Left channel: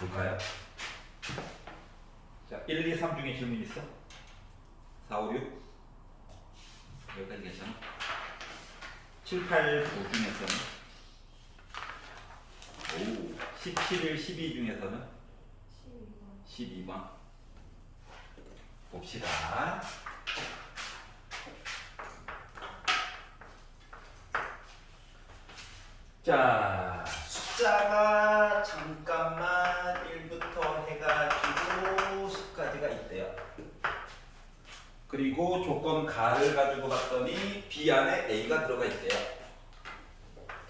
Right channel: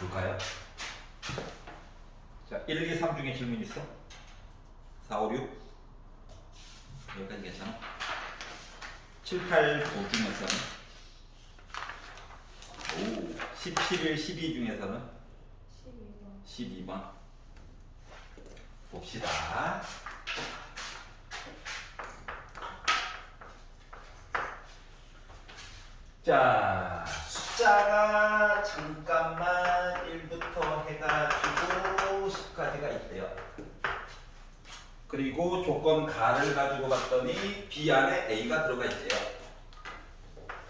볼까요? 자, 1, 2, 3 중에 질문 있어? 4, 5, 6 여기까지 괜찮아? 7, 8, 9 중에서는 10, 11, 12 중에서는 12번 봅시다. 자, 숫자가 잠깐만 1부터 해가지고 10까지가 있대요. 그리고 조건 가를 가지고 봤더니 B 안에 A가 들어가 있대요.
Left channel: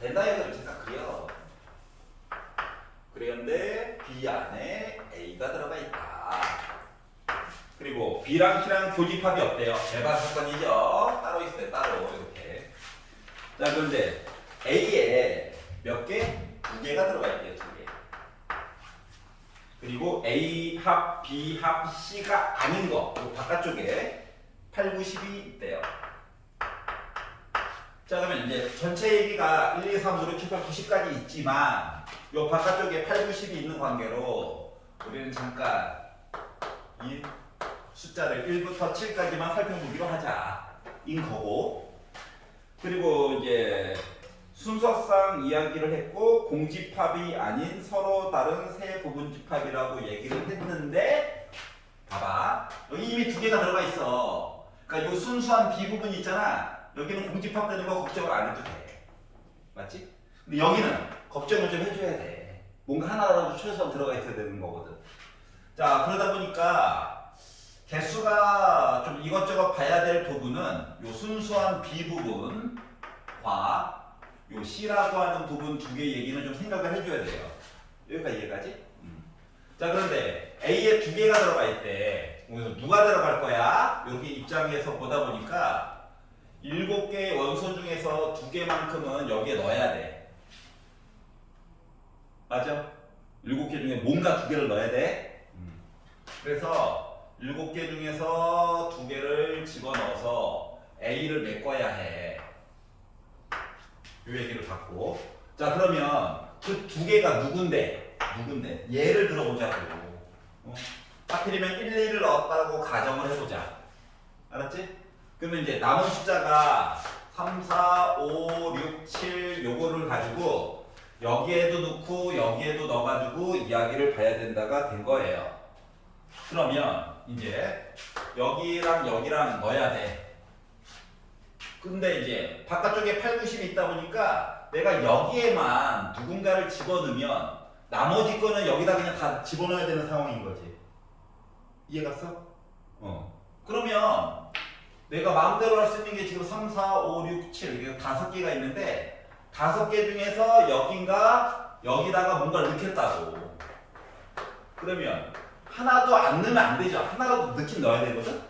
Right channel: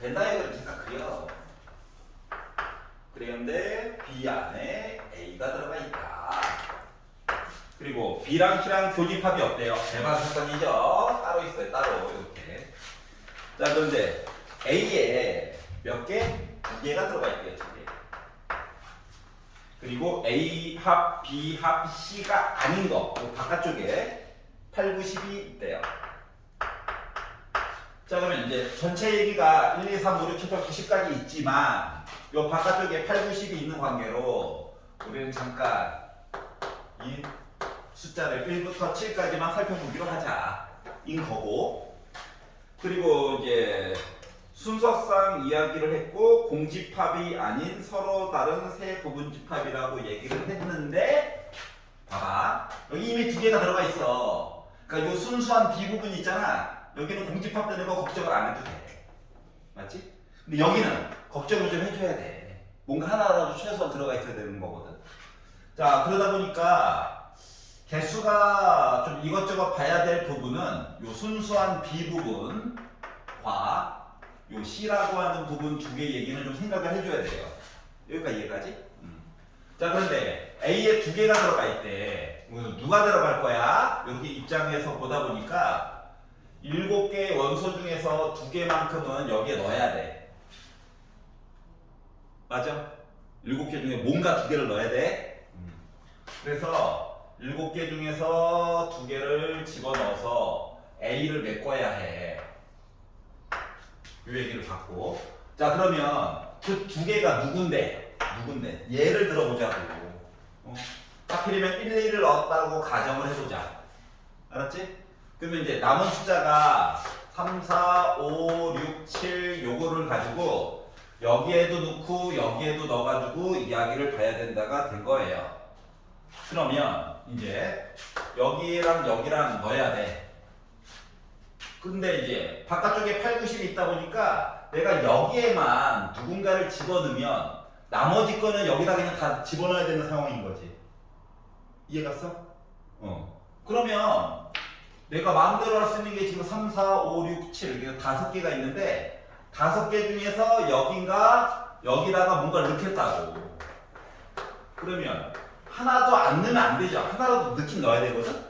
벤다이어그램 잠깐 그려. 그랬는데 B 안에 A가 들어가 있다. 그리고 B랑 C랑 교집합이 어때요? 대박 사건이죠. 따로 있어요. 따로 이렇게. 자, 그런데 A에 몇 개? 2개가 들어가 있대요. 2개. 그리고 A 합, B 합, C가 아닌 거 바깥쪽에 8, 9, 10이 있대요. 자, 그러면 이제 전체 얘기가 1, 2, 3, 5, 6, 7, 8, 90까지 있지만 요 바깥쪽에 8, 9, 10이 있는 관계로 우리는 잠깐 이 숫자를 1부터 7까지만 살펴보기로 하자 인 거고, 그리고 이제 순서상 이야기를 했고 공집합이 아닌 서로 다른 세 부분집합이라고 얘기를 했는데 봐봐, 여기 이미 2개가 들어가 있어. 그러니까 이 순수한 비부분 있잖아, 여기는 공집합 되는 거 걱정을 안 해도 돼. 맞지? 근데 여기는 걱정을 좀 해줘야 돼. 뭔가 하나라도 최소한 들어가 있어야 되는 거거든. 자, 그러다 보니까 개수가 좀 이것저것 봐야 될 부분은 요 순수한 B 부분과 요 C라고 하는 부분 2개 얘기는 좀 생각을 해줘야 돼요. 여기까지 이해가지? 자, 그런데 A에 2개가 들어가 있대. 그래서 누가 들어갈 거야? 여기 입장에서 보다 보니까 7개의 원소 중에서 2개만큼은 여기에 넣어야 돼. 맞아? 7개 중에 뭔가 2개를 넣어야 돼. 그래서 7개 중에서 2개를 집어넣어서 A를 메꿔야 해. 이 얘기를 받고. 자, 그러면 그 2개가 누군데? 얘를 들어보자고. 하필이면 1, 2를 넣었다고 가정을 해보자. 알았지? 그러면 이제 남은 숫자가 3, 4, 5, 6, 7 요거를 가지고 여기에도 넣고 여기에도 넣어가지고 이야기를 봐야 된다가 된 거예요. 그러면 이제 여기랑 여기랑 넣어야 돼. 근데 이제 바깥쪽에 8, 90이 있다 보니까 내가 여기에만 누군가를 집어넣으면 나머지 거는 여기다 그냥 다 집어넣어야 되는 상황인 거지. 이해갔어? 그러면 내가 마음대로 할 수 있는 게 지금 3, 4, 5, 6, 7 이렇게 5개가 있는데 5개 중에서 여긴가 여기다가 뭔가를 넣겠다고. 그러면 하나도 안 넣으면 안 되죠. 하나라도 넣긴 넣어야 되거든?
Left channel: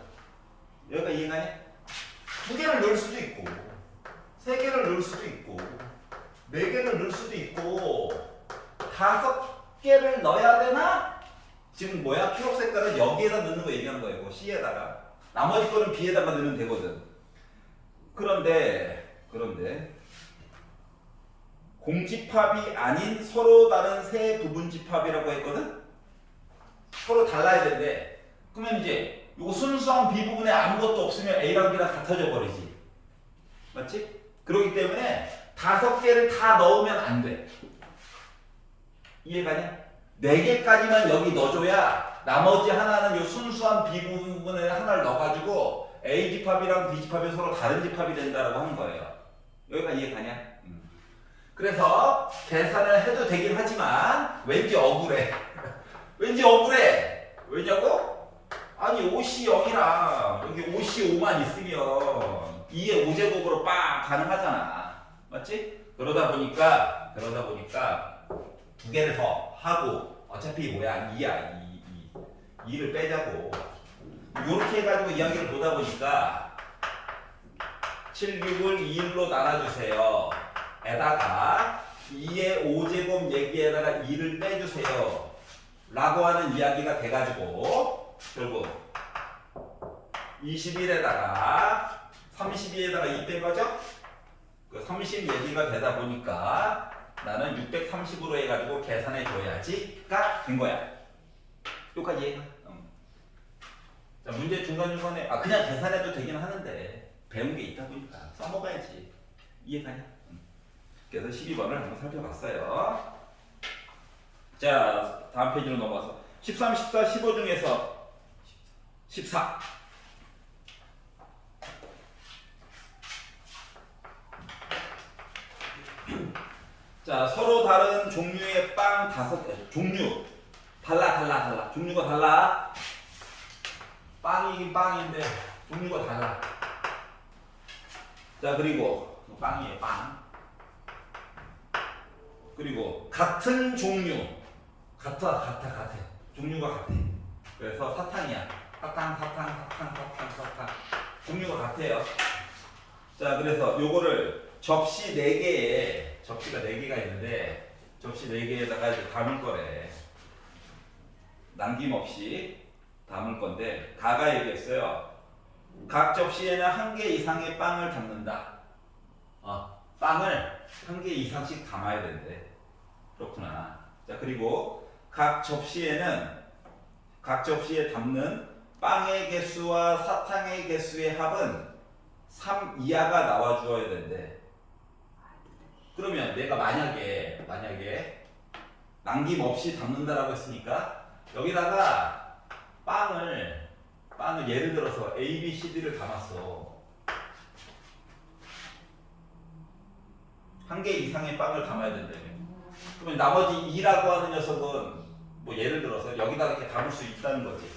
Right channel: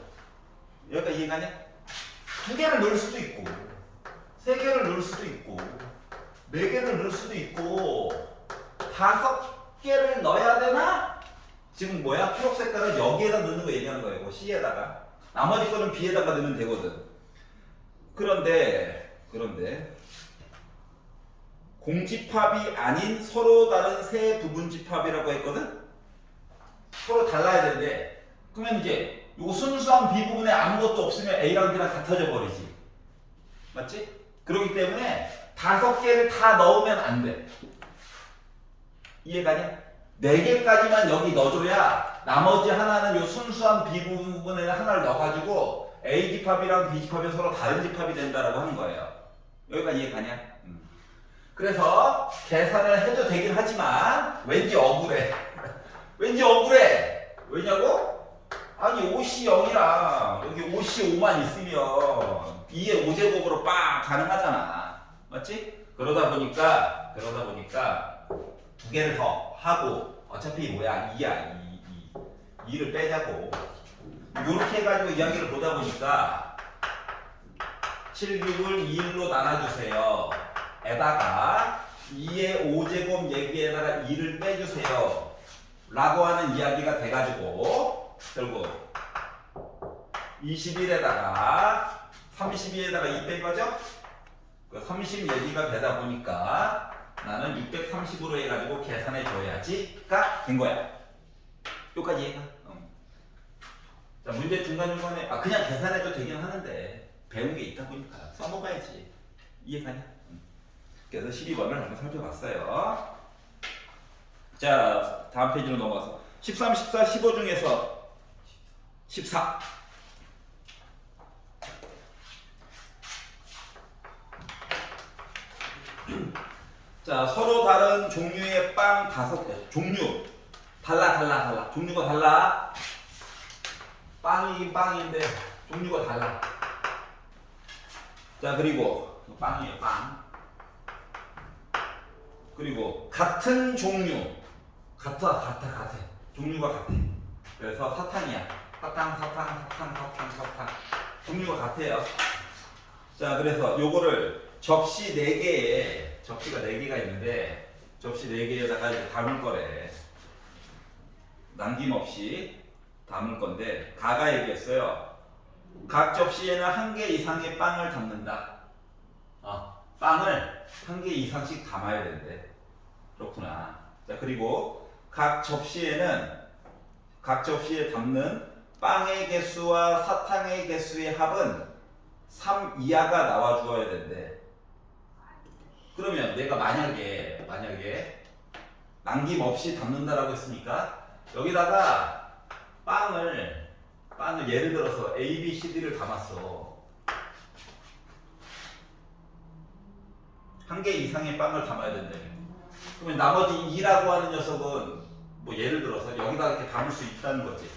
여기까지 이해가냐? 2개를 넣을 수도 있고 3개를 넣을 수도 있고 4개를 넣을 수도 있고 5개를 넣어야 되나? 지금 뭐야? 초록 색깔은 여기에다 넣는 거 얘기하는 거예요. C에다가. 나머지 거는 B에다가 넣으면 되거든. 그런데 공집합이 아닌 서로 다른 세 부분집합이라고 했거든? 서로 달라야 되는데, 그러면 이제 이거 순수한 B 부분에 아무것도 없으면 A랑 B랑 같아져 버리지. 맞지? 그렇기 때문에 5개를 다 넣으면 안 돼. 이해가냐? 4개까지만 여기 넣어줘야 나머지 하나는 요 순수한 B 부분에 하나를 넣어가지고 A 집합이랑 B 집합이 서로 다른 집합이 된다라고 하는 거예요. 여기가 이해가냐? 그래서 계산을 해도 되긴 하지만 왠지 억울해. 왠지 억울해. 왜냐고? 아니 5C 0이랑 여기 5C 5만 있으면 2의 5제곱으로 빡 가능하잖아. 맞지? 그러다 보니까 2개를 더 하고 어차피 뭐야 2야 2를 빼자고 요렇게 해가지고 이야기를 보다 보니까 7, 6을 2일로 나눠주세요 에다가 2의 5제곱 얘기에다가 2를 빼주세요 라고 하는 이야기가 돼가지고 결국 21에다가 32에다가 2 뺀 거죠? 그 30 얘기가 되다 보니까 나는 630으로 해가지고 계산해 줘야지가 된 거야. 여기까지 이해가? 자, 문제 중간중간에 그냥 계산해도 되긴 하는데 배운 게 있다 보니까 써먹어야지. 이해가냐? 그래서 12번을 한번 살펴봤어요. 자, 다음 페이지로 넘어가서 13, 14, 15 중에서 14. 자, 서로 다른 종류의 빵 5개. 종류 달라. 종류가 달라. 빵이긴 빵인데 종류가 달라. 자, 그리고 빵이에요, 빵. 그리고 같은 종류. 같아. 종류가 같아. 그래서 사탕이야. 사탕. 종류가 같아요. 자, 그래서 요거를 접시 4개에 접시가 4개가 있는데 접시 4개에다가 이제 담을 거래. 남김없이 담을 건데 가가 얘기했어요. 각 접시에는 1개 이상의 빵을 담는다. 빵을 1개 이상씩 담아야 된대. 그렇구나. 자, 그리고 각 접시에 담는 빵의 개수와 사탕의 개수의 합은 3 이하가 나와 주어야 된대. 그러면 내가 만약에 남김없이 담는다라고 했으니까 여기다가 빵을 예를 들어서 A, B, C, D를 담았어. 1개 이상의 빵을 담아야 된다며. 그러면 나머지 2라고 하는 녀석은 뭐 예를 들어서 여기다 이렇게 담을 수 있다는 거지.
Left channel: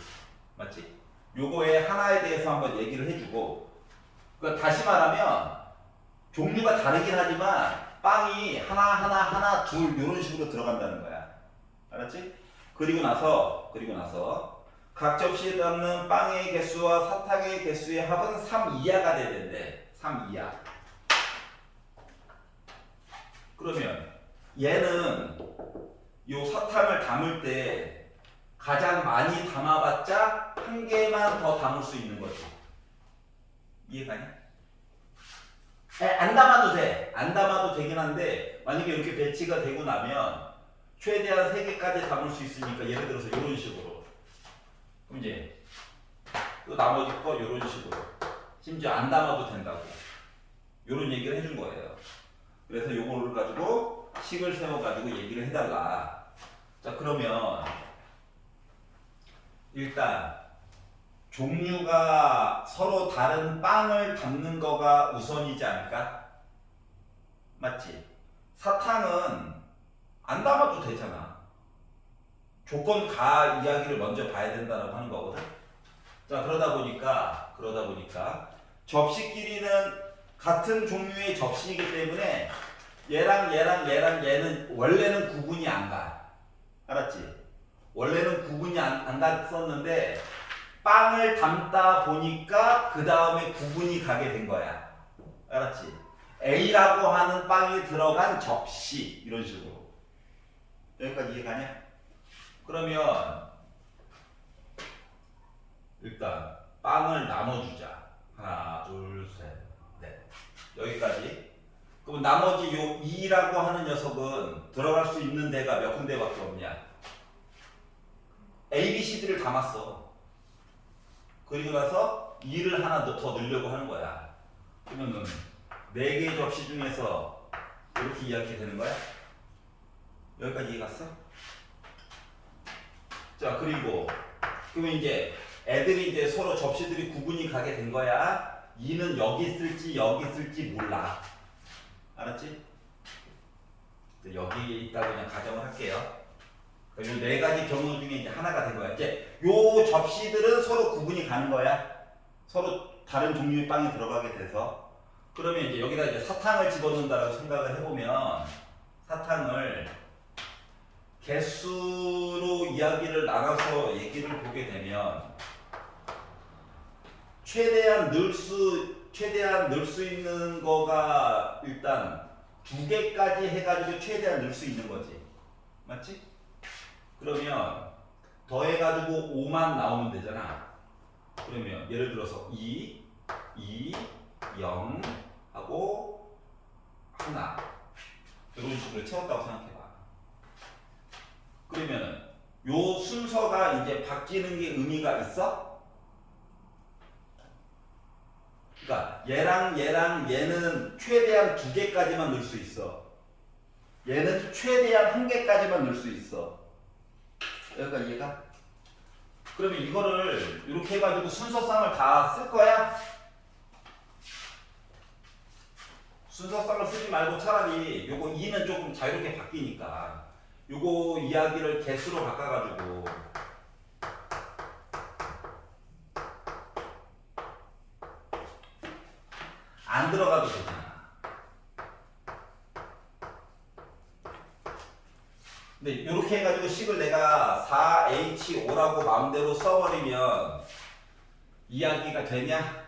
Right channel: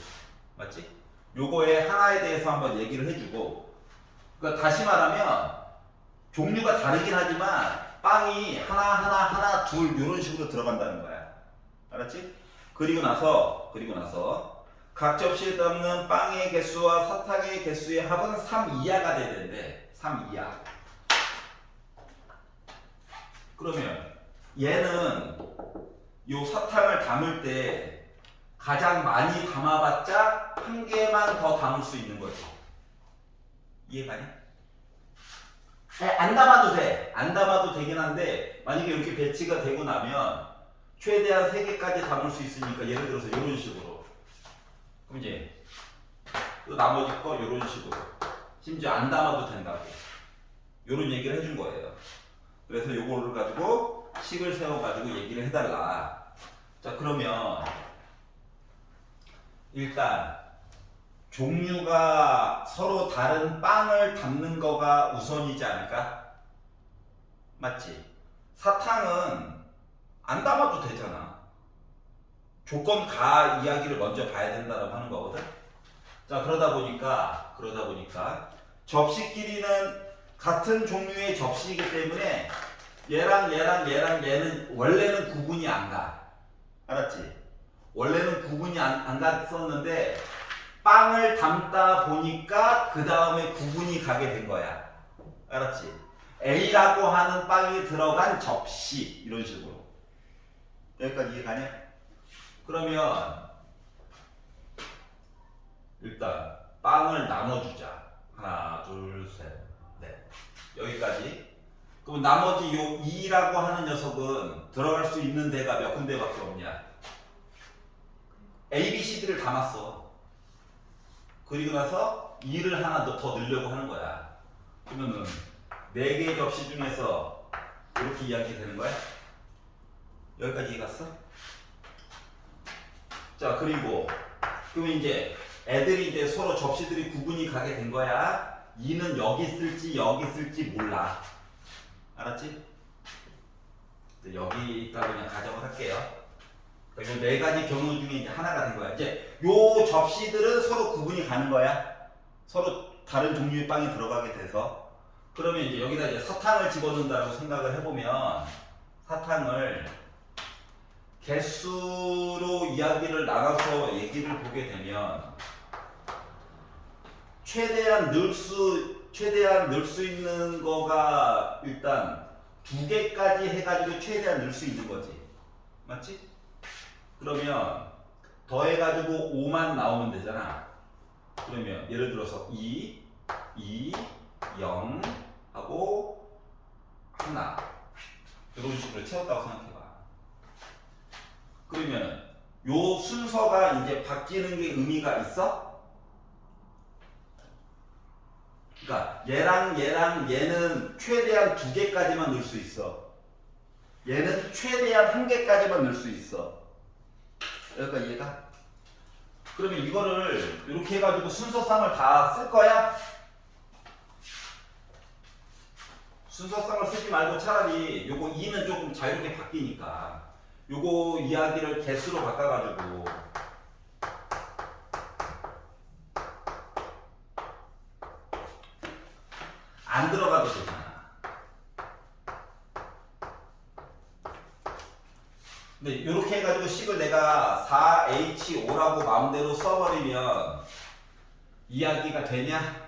맞지? 요거의 하나에 대해서 한번 얘기를 해주고, 그러니까 다시 말하면 종류가 다르긴 하지만 빵이 하나 둘 이런 식으로 들어간다는 거야. 알았지? 그리고 나서 각 접시에 담는 빵의 개수와 사탕의 개수의 합은 3 이하가 돼야 된대. 3 이하. 그러면 얘는 요 사탕을 담을 때 가장 많이 담아봤자 1개만 더 담을 수 있는 거지. 이해가냐? 안 담아도 돼. 안 담아도 되긴 한데 만약에 이렇게 배치가 되고 나면 최대한 3개까지 담을 수 있으니까 예를 들어서 이런 식으로. 그럼 이제 또 나머지 거 이런 식으로. 심지어 안 담아도 된다고. 이런 얘기를 해준 거예요. 그래서 요거를 가지고 식을 세워가지고 얘기를 해달라. 자, 그러면 일단 종류가 서로 다른 빵을 담는 거가 우선이지 않을까? 맞지? 사탕은 안 담아도 되잖아. 조건 가 이야기를 먼저 봐야 된다라고 하는 거거든. 자, 그러다 보니까 접시끼리는 같은 종류의 접시이기 때문에 얘는 원래는 구분이 안 가. 알았지? 원래는 구분이 안 갔었는데 빵을 담다 보니까 그 다음에 구분이 가게 된 거야. 알았지? A라고 하는 빵이 들어간 접시 이런 식으로. 여기까지 이해가냐? 그러면 일단 빵을 나눠주자. 하나, 둘, 셋, 넷. 여기까지. 그럼 나머지 요 2라고 하는 녀석은 들어갈 수 있는 데가 몇 군데밖에 없냐? A, B, C, D를 담았어. 그리고 나서 2를 하나 더 넣으려고 하는 거야. 그러면은 4개의 접시 중에서 이렇게 이야기 되는 거야? 여기까지 이해 갔어? 자, 그리고 그러면 이제 애들이 이제 서로 접시들이 구분이 가게 된 거야. 2는 여기 있을지 몰라. 알았지? 여기 있다고 그냥 가정을 할게요. 그리고 4가지 경우 중에 이제 하나가 된 거야. 이제 요 접시들은 서로 구분이 가는 거야. 서로 다른 종류의 빵이 들어가게 돼서. 그러면 이제 여기다 이제 사탕을 집어넣는다라고 생각을 해보면 사탕을 개수로 이야기를 나눠서 얘기를 보게 되면 최대한 넣을 수 있는 거가 일단 2개까지 해가지고 최대한 넣을 수 있는 거지. 맞지? 그러면 더해가지고 5만 나오면 되잖아. 그러면 예를 들어서 2, 0 하고 하나. 이런 식으로 채웠다고 생각해봐. 그러면 요 순서가 이제 바뀌는 게 의미가 있어? 그러니까 얘랑 얘는 최대한 2개까지만 넣을 수 있어. 얘는 최대한 1개까지만 넣을 수 있어. 여기까지 이해가? 그러면 이거를 이렇게 해가지고 순서상을 다 쓸 거야? 순서상을 쓰지 말고 차라리 요거 2는 조금 자유롭게 바뀌니까 요거 이야기를 개수로 바꿔가지고 안 들어가도 되잖아. 근데 이렇게 해가지고 식을 내가 4H5라고 마음대로 써버리면 이야기가 되냐?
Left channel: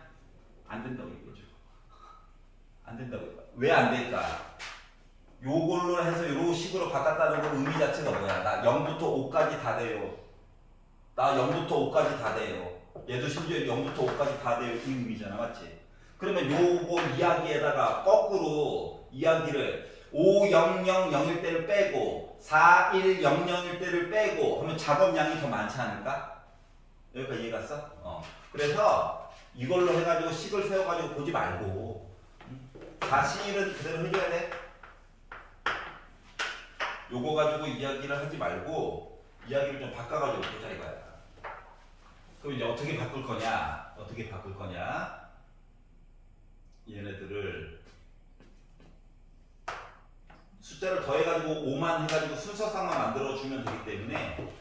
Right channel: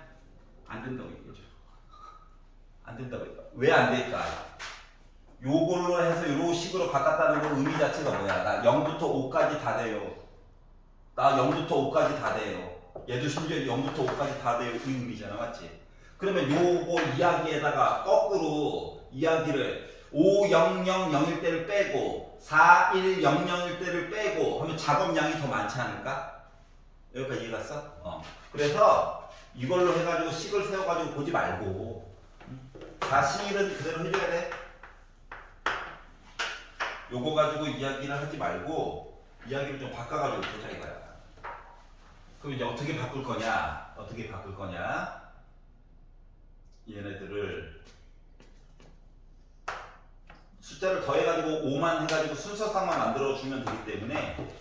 안 된다고 이거죠. 안 된다고. 왜 안 될까? 요걸로 해서 요 식으로 바꿨다는 건 의미 자체가 뭐야? 나 0부터 5까지 다 돼요. 나 0부터 5까지 다 돼요. 얘도 심지어 0부터 5까지 다 돼요. 이 의미잖아. 맞지? 그러면 요거 이야기에다가 거꾸로 이야기를 5, 0, 0, 0일 때를 빼고 4, 1, 0, 0일 때를 빼고 하면 작업량이 더 많지 않을까? 여기까지 이해 갔어? 그래서 이걸로 해가지고 식을 세워가지고 보지 말고 사실은 그대로 해줘야 돼. 요거 가지고 이야기를 하지 말고 이야기를 좀 바꿔가지고 보자 이거야. 그럼 이제 어떻게 바꿀 거냐? 어떻게 바꿀 거냐? 얘네들을 숫자를 더해가지고 5만 해가지고 순서상만 만들어주면 되기 때문에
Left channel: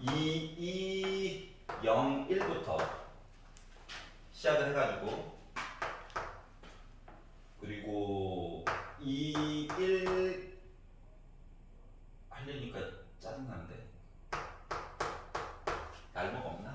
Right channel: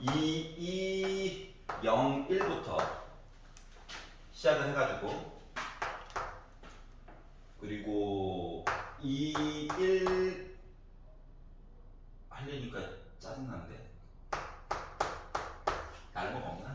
2, 0, 1부터 시작을 해가지고 그리고 2, 1 하려니까 짜증나는데 날모가 없나?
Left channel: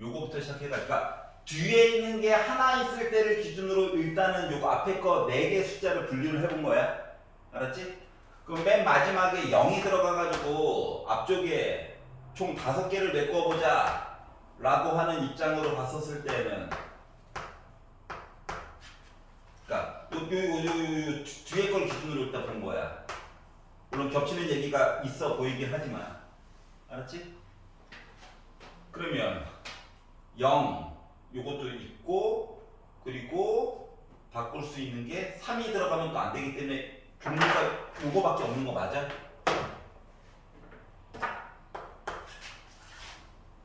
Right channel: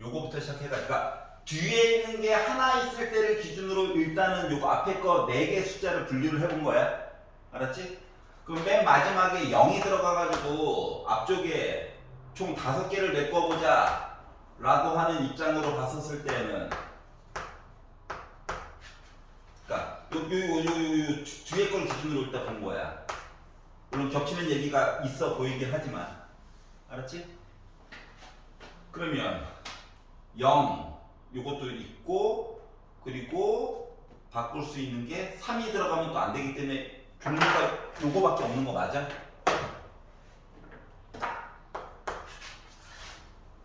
요거부터 시작해가지고 그러니까 뒤에 있는 게 하나 있을 때를 기준으로 일단은 요거 앞에 거 4개 숫자를 분류를 해본 거야. 알았지? 그럼 맨 마지막에 0이 들어가가지고 앞쪽에 총 5개를 메꿔보자 라고 하는 입장으로 봤었을 때는 그러니까 요 뒤에 걸 기준으로 일단 본 거야. 물론 겹치는 얘기가 있어 보이긴 하지만 알았지? 그러면 0 요것도 있고 그리고 바꿀 수 있는 게 3이 들어가면 또 안 되기 때문에 종류가 요거밖에 없는 거 맞아?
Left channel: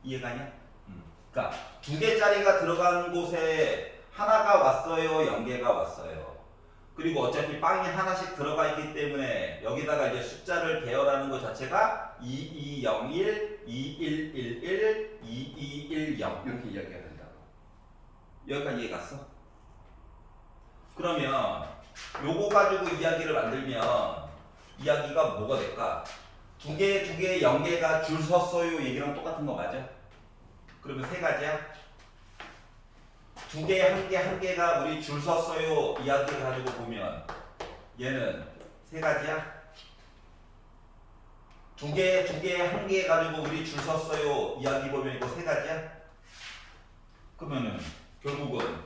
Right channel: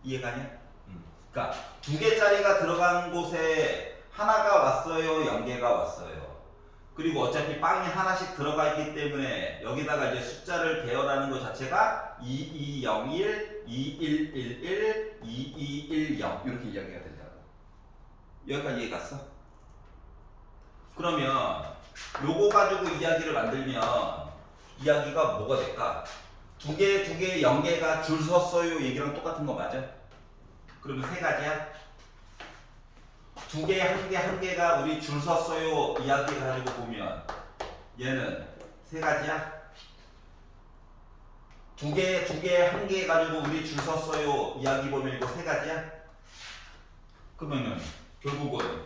이해가냐? 그러니까 2개짜리가 들어간 곳에 하나가 왔어요, 0개가 왔어요. 그리고 어차피 빵이 하나씩 들어가 있기 때문에 여기다가 이제 숫자를 배열하는 것 자체가 2201, 2111, 2210 이렇게 이야기가 된다고. 여기까지 이해 갔어? 그러면 요거 가지고 이야기를 만들면 이야기가 뭐가 될까? 2개, 0개가 줄 섰어요 얘기랑 똑같은 거 맞아? 그러면 3가지야? 2개, 1개 우리 줄 섰어요 이야기 가지고 보면 얘는 3가지야? 2개, 1개 가지고 우리 줄 섰어요 이야기 보면 이거 3가지야? 그러면은 결국은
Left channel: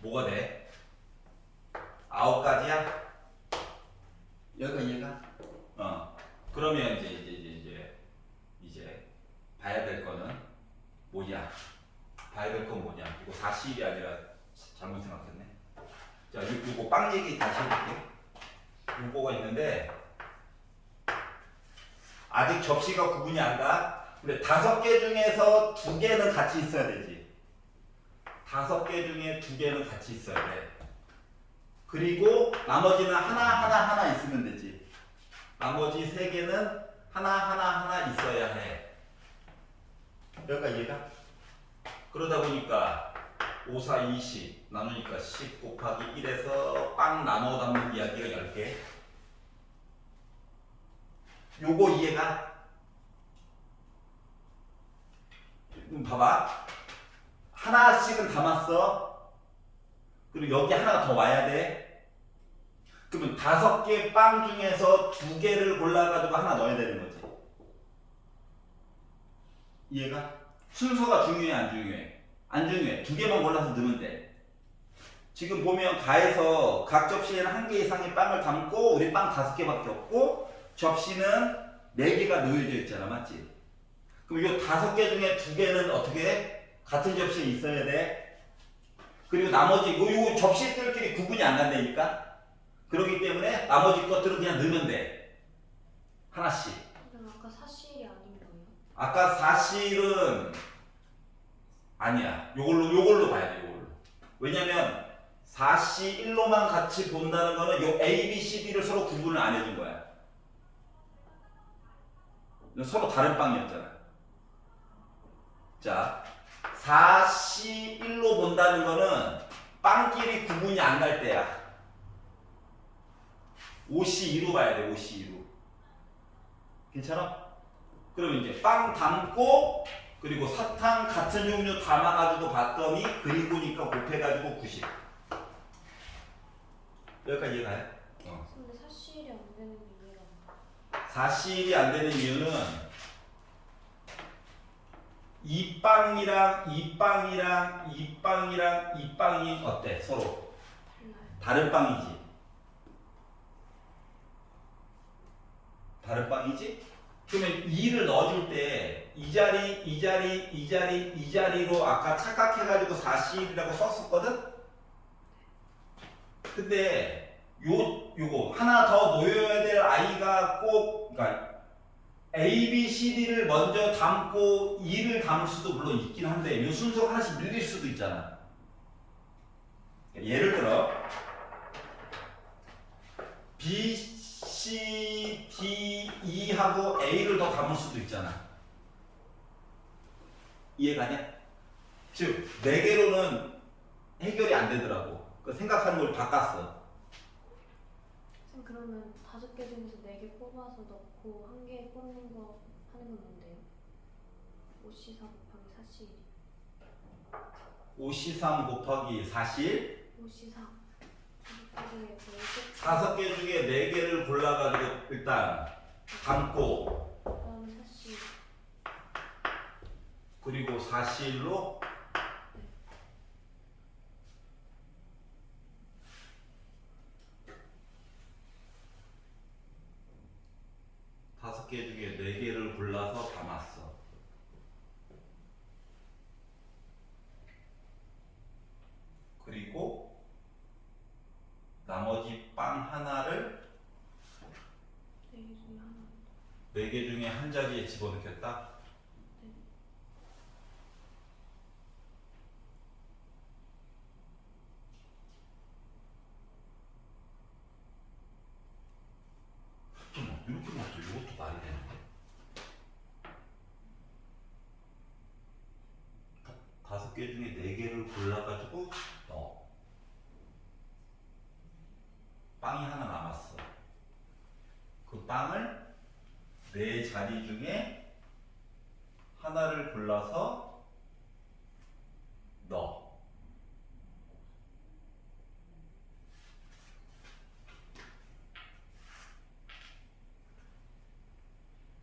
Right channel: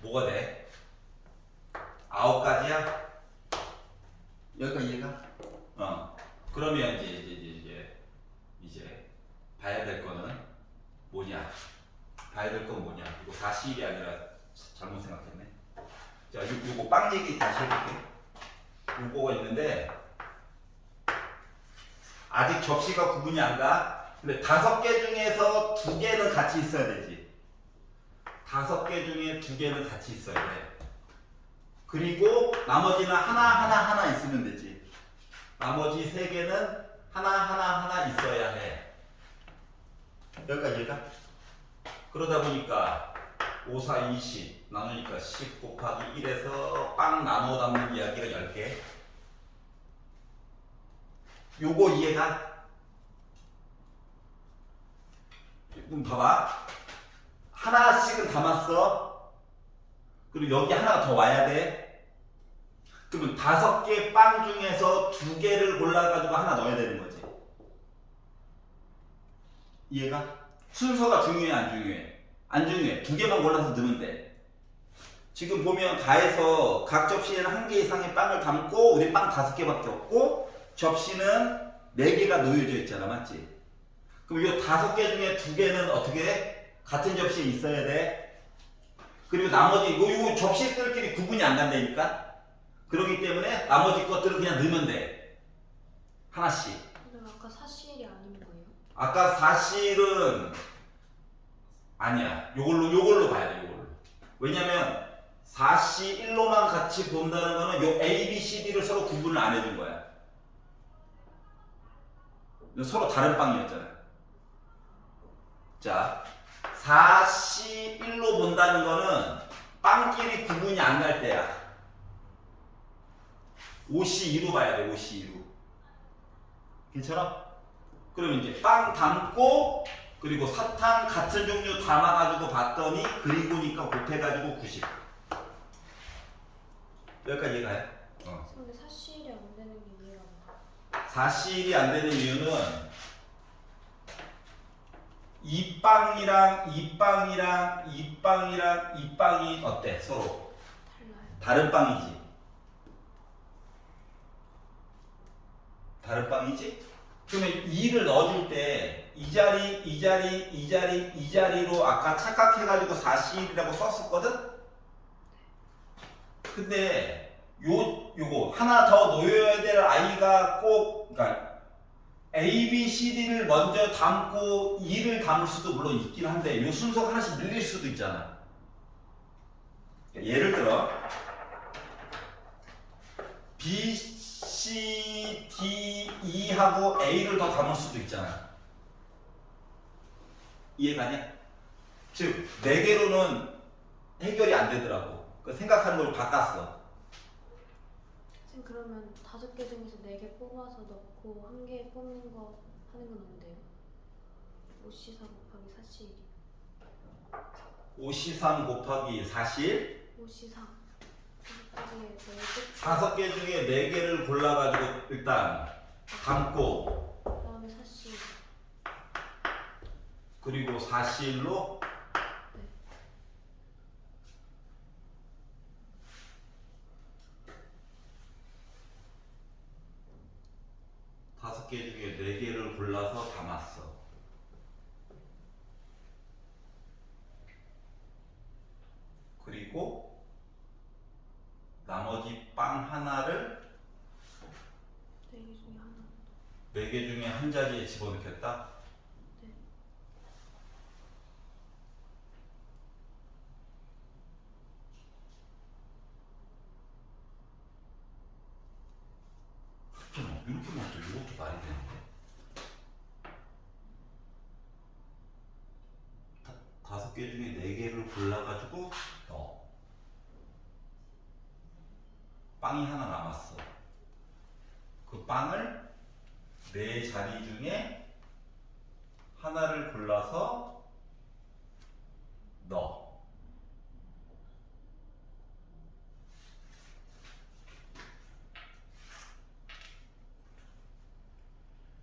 뭐가 돼? 9가지야? 여기까지 이해가? 그러면 이제 봐야 될 거는 뭐냐? 봐야 될 건 뭐냐? 이거 40이 아니라 잘못 생각했네. 자, 요거 빵 얘기 다시 해볼게. 요거가 있는데 아직 접시가 구분이 안 가. 근데 5개 중에서 2개는 같이 있어야 되지. 5개 중에 2개는 같이 있어야 돼. 그리고 나머지는 하나 있으면 되지. 나머지 3개는 하나 있어야 해. 여기까지 이해가? 그러다 보니까 5, 4, 20 나누니까 10 곱하기 1에서 빵 나눠 담는 이야기가 10개. 요거 이해가? 그럼 봐봐. 하나씩은 담았어. 그리고 여기 하나가 더 와야 돼. 그러면 5개 빵 중에서 2개를 골라가지고 하나 넣어야 되는 거지. 이해가? 순서가 중요해 안 중요해? 안 중요해. 2개만 골라서 넣으면 돼. 지금 보면 가에서 각 접시에는 1개 이상의 빵을 담고 우리 빵 5개밖에 없고 접시는 4개가 놓여져 있잖아, 맞지? 그럼 이 5개 중에 2개는 어떻게 해? 같은 접시에 있어야 돼. 그리고 나머지 요 접시들끼리 구분이 안 간다니까. 그렇기 때문에 나머지 것들은 그냥 넣으면 돼. 하나씩. 그럼 아까 사실이 아닌 거예요? 아까 사실은 아니야. 요걸로 봐야 돼. 요걸로. 왜냐면 4시 1로만 같이 본다는 거는 요 A, B, C, D를 서로 구분을 안 해준 거야. 서로 다른 빵이었잖아. 자, 4시 1로 본다는 거는 빵끼리 구분이 안 갈 때야. 5시 2로 봐야 돼. 5시 2로. 괜찮아? 그럼 이제 빵 담고 그리고 사탕 같은 종류 담아가지고 봤더니 그리고니까 곱해가지고 90. 여기까지 가요? 근데 사실이 안 되는 이유가 사실이 안 되는 이유는 이 빵이랑 이 빵이랑 이 빵이랑 이 빵이 어때? 서로 달라요. 다른 빵이지. 다른 빵이지? 그러면 2를 넣어줄 때 이 자리, 이 자리, 이 자리, 이 자리로 아까 착각해가지고 41이라고 썼었거든? 근데 요거 하나 더 놓여야 될 아이가 꼭 그러니까 A, B, C, D를 먼저 담고 2를 담을 수도 물론 있긴 한데 요 순서가 하나씩 밀릴 수도 있잖아. 예를 들어 B, C, D, E하고 A를 더 담을 수도 있잖아. 이해가냐? 즉 4개로는 해결이 안 되더라고. 그 생각하는 걸 바꿨어. 쌤 그러면 5개 중에서 4개 뽑아서 넣고 1개 뽑는 거 하는 건 안 돼요? 5C 4 곱하기 4C 5C3 곱하기 4실 5C 4 곱하기 5개 중에 4개를 골라가지고 일단 담고 그다음에 4C 그리고 4실로 다섯 개 중에 4개를 골라서 담았어. 그리고 나머지 빵 하나를 4개 중에 하나 4개 중에 한 자리에 집어넣겠다. 네. 이렇게 먹죠. 이것도 말이 되는데. 5개 중에 4개를 골라가지고 넣어. 빵이 하나 남았어. 그 빵을 4자리 중에 하나를 골라서 넣어.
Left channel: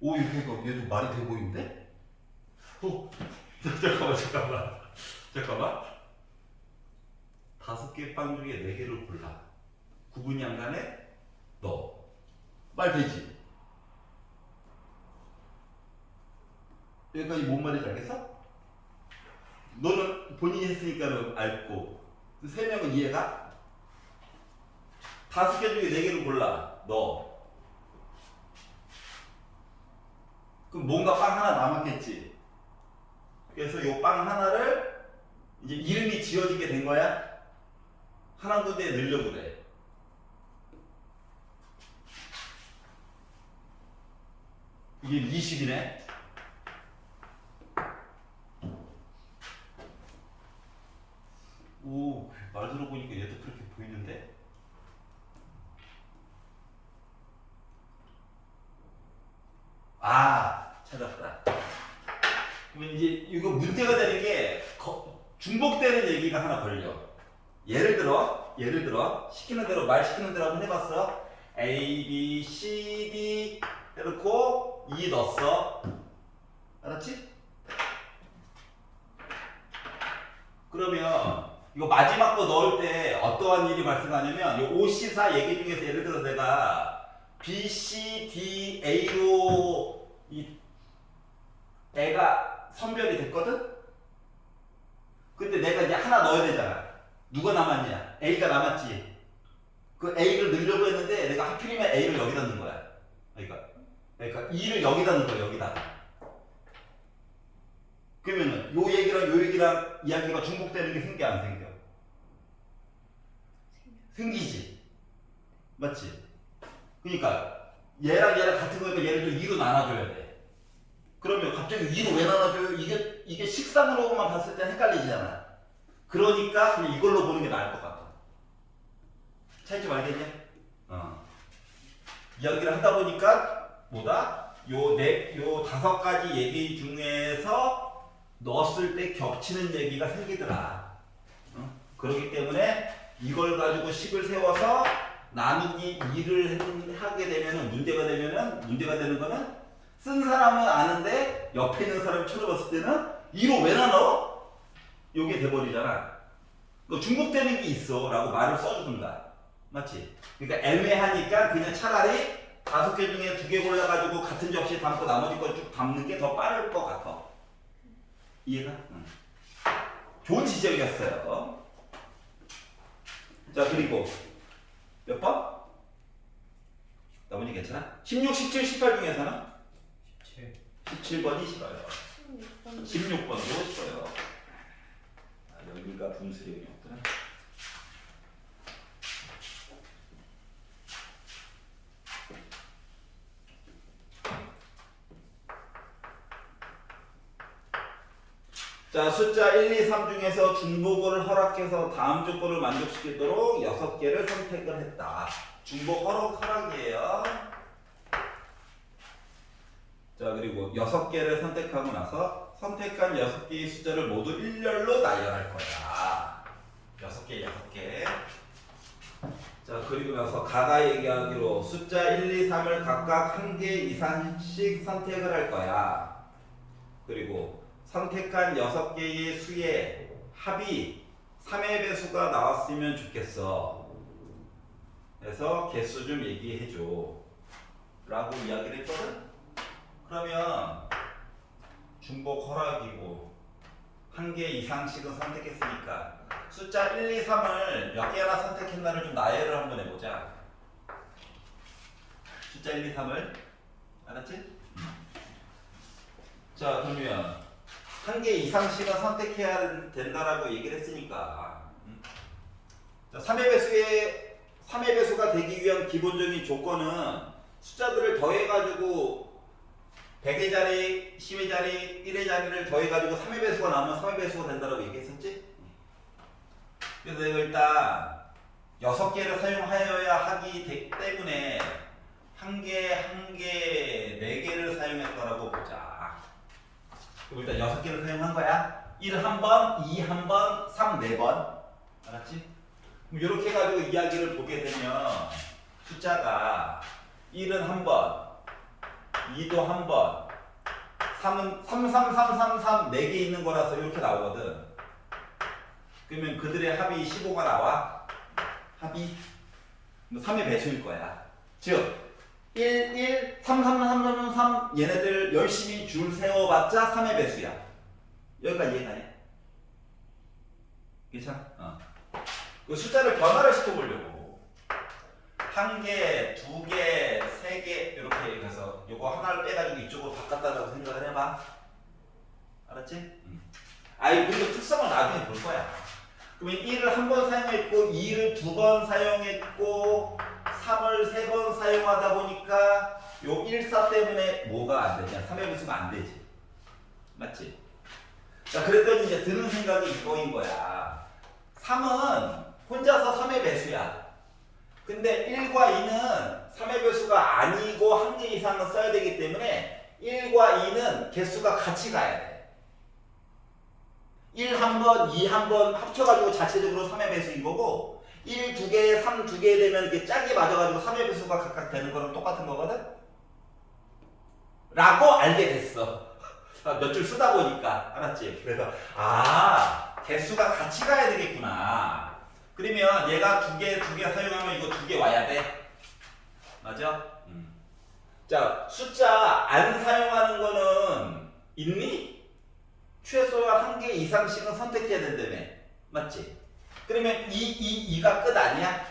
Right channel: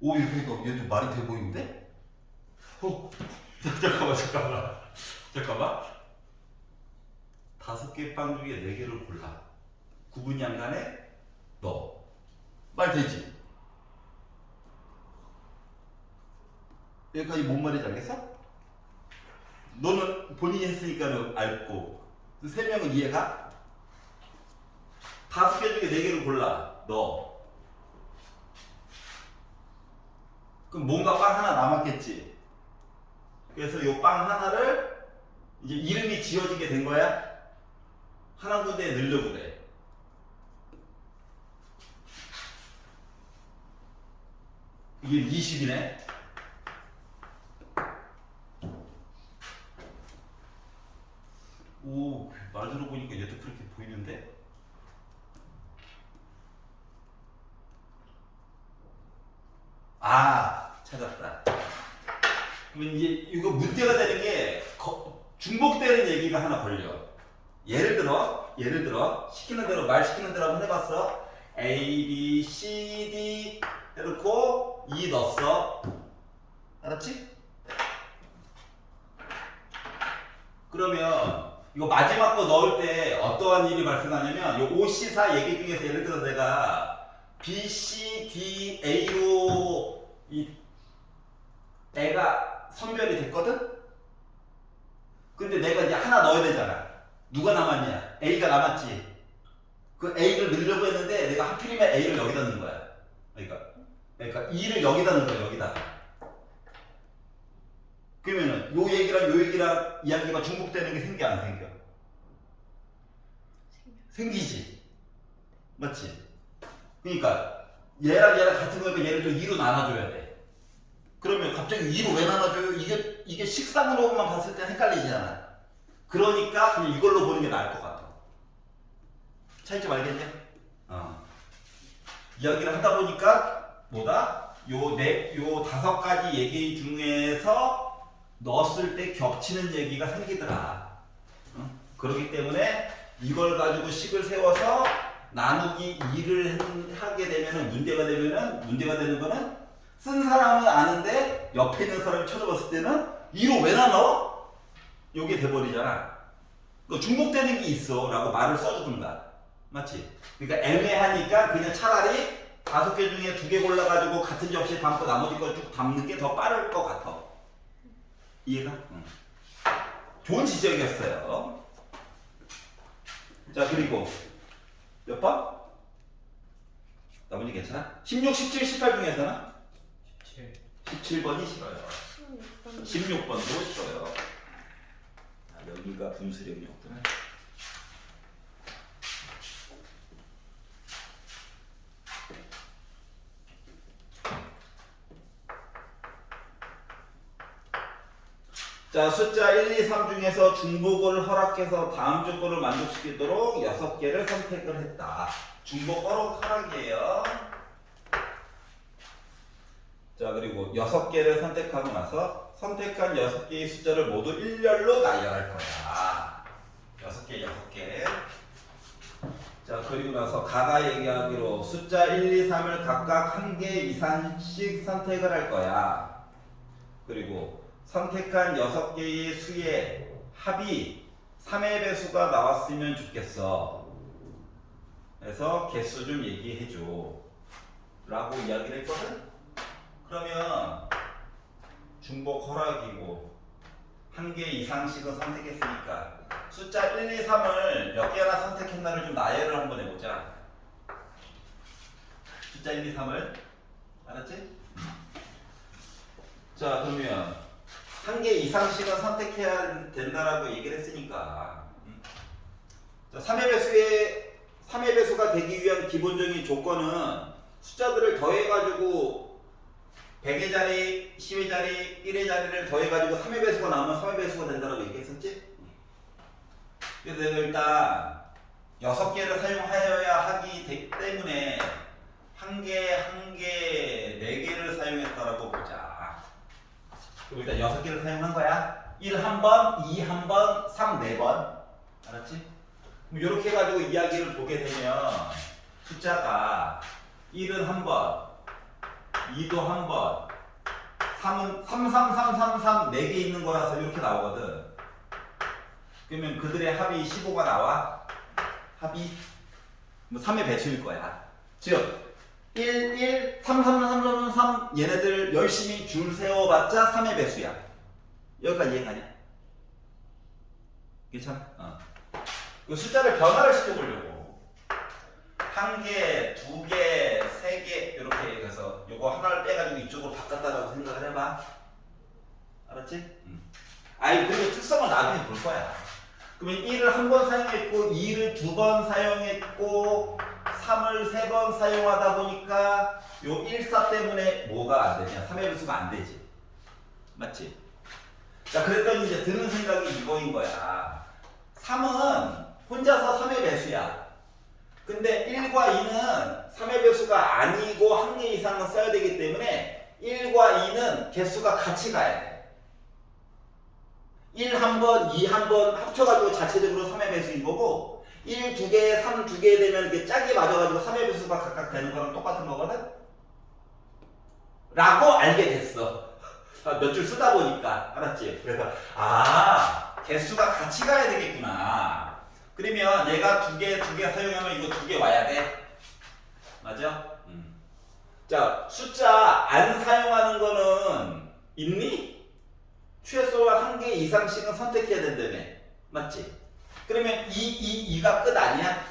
오, 얘도 말이 돼 보이는데? 잠깐만. 5개 빵 중에 4개를 골라. 구분이 안 가네? 넣어. 말 되지? 여기까지 뭔 말인지 알겠어? 너는 본인이 했으니까 알고 3명은 이해가? 5개 중에 4개를 골라. 넣어. 그럼 뭔가 빵 하나 남았겠지. 그래서 요 빵 하나를 이제 이름이 지어지게 된 거야. 한 군데에 넣으려고 그래. 이게 20이네. 오, 말 들어보니까 얘도 그렇게 보이는데? 아, 찾았다. 그럼 이제 이거 문제가 되는 게 중복되는 얘기가 하나 걸려. 예를 들어 시키는 대로 말 시키는 대로 한번 해봤어. A, B, C, D 해놓고 2 넣었어. 알았지? 그러면 이거 마지막 거 넣을 때 어떠한 일이 발생하냐면 요 OC4 얘기 중에서 예를 들어서 내가 B, C, D, A로 이 애가 선별이 됐거든? 근데 내가 이제 하나 넣어야 되잖아. 누가 남았냐? A가 남았지. 그 A를 넣으려고 했는데 내가 하필이면 A를 여기다 넣은 거야. 그러니까 E를 여기다 넣은 거야. 여기다. 그러면은 요 얘기랑 요 얘기랑 이야기가 중복되는 게 생겨 안 생겨? 생기지. 맞지? 그러니까 얘랑 얘랑 같은 거니까 얘를 좀 2로 나눠줘야 돼. 그러면 갑자기 2로 왜 나눠줘요? 이게 식상으로만 봤을 때 헷갈리잖아. 그러니까 그냥 이걸로 보는 게 나을 것 같아. 차이점 알겠냐? 이야기를 하다 보니까 뭐다? 요 5가지 얘기 중에서 넣었을 때 겹치는 얘기가 생기더라. 그렇기 때문에 이걸 가지고 식을 세워서 나누기 2를 하게 되면은 문제가 되는 거는 쓴 사람은 아는데 옆에 있는 사람을 쳐다봤을 때는 2로 왜 나눠? 요게 돼버리잖아. 중복되는 게 있어 라고 말을 써주든가. 맞지? 그러니까 애매하니까 그냥 차라리 5개 중에 2개 골라가지고 같은 접시에 담고 나머지 거 쭉 담는 게 더 빠를 것 같아. 이해가? 좋은 지적이었어요. 자, 그리고 몇 번? 나머지 괜찮아? 16, 17, 18 중에서는? 17번이 싫어요. 16번도 싫어요. 여기가 분수령이었구나. 자, 숫자 1, 2, 3 중에서 중복을 허락해서 다음 조건을 만족시키도록 6개를 선택을 했다. 중복 허락이에요. 자, 그리고 6개를 선택하고 나서 선택한 6개의 숫자를 모두 일렬로 나열할 거야. 6개. 자, 그리고 나서 가가 얘기하기로 숫자 1, 2, 3을 각각 1개 이상씩 선택을 할 거야. 그리고 선택한 6개의 수의 합이 3의 배수가 나왔으면 좋겠어. 그래서 개수 좀 얘기해줘 라고 이야기를 했거든. 그러면 중복 허락이고 1개 이상씩은 선택했으니까 숫자 1, 2, 3을 몇 개나 선택했나를 좀 나열을 한번 해보자. 숫자 1, 2, 3을 알았지? 자, 그러면 1개 이상씩은 선택해야 된다라고 얘기를 했으니까 자, 3의 배수가 되기 위한 기본적인 조건은 숫자들을 더해가지고 100의 자리, 10의 자리, 1의 자리를 더해가지고 3의 배수가 나오면 3의 배수가 된다고 얘기했었지? 그래서 내가 일단 6개를 사용하여야 하기 때문에 1개, 4개를 사용했다라고 보자. 그럼 일단 6개를 사용한 거야. 1 1번, 2 1번, 3 4번. 알았지? 그럼 이렇게 해가지고 이야기를 보게 되면 숫자가 1은 1번, 2도 1번, 3은 3, 3, 3, 3, 3, 4개 있는 거라서 이렇게 나오거든. 그러면 그들의 합이 15가 나와. 합이 뭐 3의 배수일 거야. 즉 1, 1, 3, 3, 3, 3, 3 얘네들 열심히 줄 세워봤자 3의 배수야. 여기까지 이해가냐? 괜찮아? 그 숫자를 변화를 시켜보려고 1개, 2개, 3개 이렇게 해서 요거 하나를 빼가지고 이쪽으로 바꿨다라고 생각을 해봐. 알았지? 아이 그리고 특성을 나중에 볼 거야. 그러면 1을 1번 사용했고 2를 2번 사용했고 3을 3번 사용하다 보니까 요 1사 때문에 뭐가 안 되냐? 3의 배수가 안 되지. 맞지? 자, 그랬더니 이제 드는 생각이 이거인 거야. 3은 혼자서 3의 배수야. 근데 1과 2는 3의 배수가 아니고 1개 이상은 써야 되기 때문에 1과 2는 개수가 같이 가야 돼. 1 1번, 2 1번 합쳐가지고 자체적으로 3의 배수인 거고 1 2개, 3 2개 되면 이렇게 짝이 맞아가지고 3의 배수가 각각 되는 거랑 똑같은 거거든? 라고 알게 됐어. 몇 줄 쓰다 보니까. 알았지? 그래서 개수가 같이 가야 되겠구나. 그러면 얘가 두 개 사용하면 이거 두 개 와야 돼. 맞아? 자, 숫자 안 사용하는 거는 있니? 최소한 한 개 이상씩은 선택해야 된다며. 맞지? 그러면 2가 끝 아니야?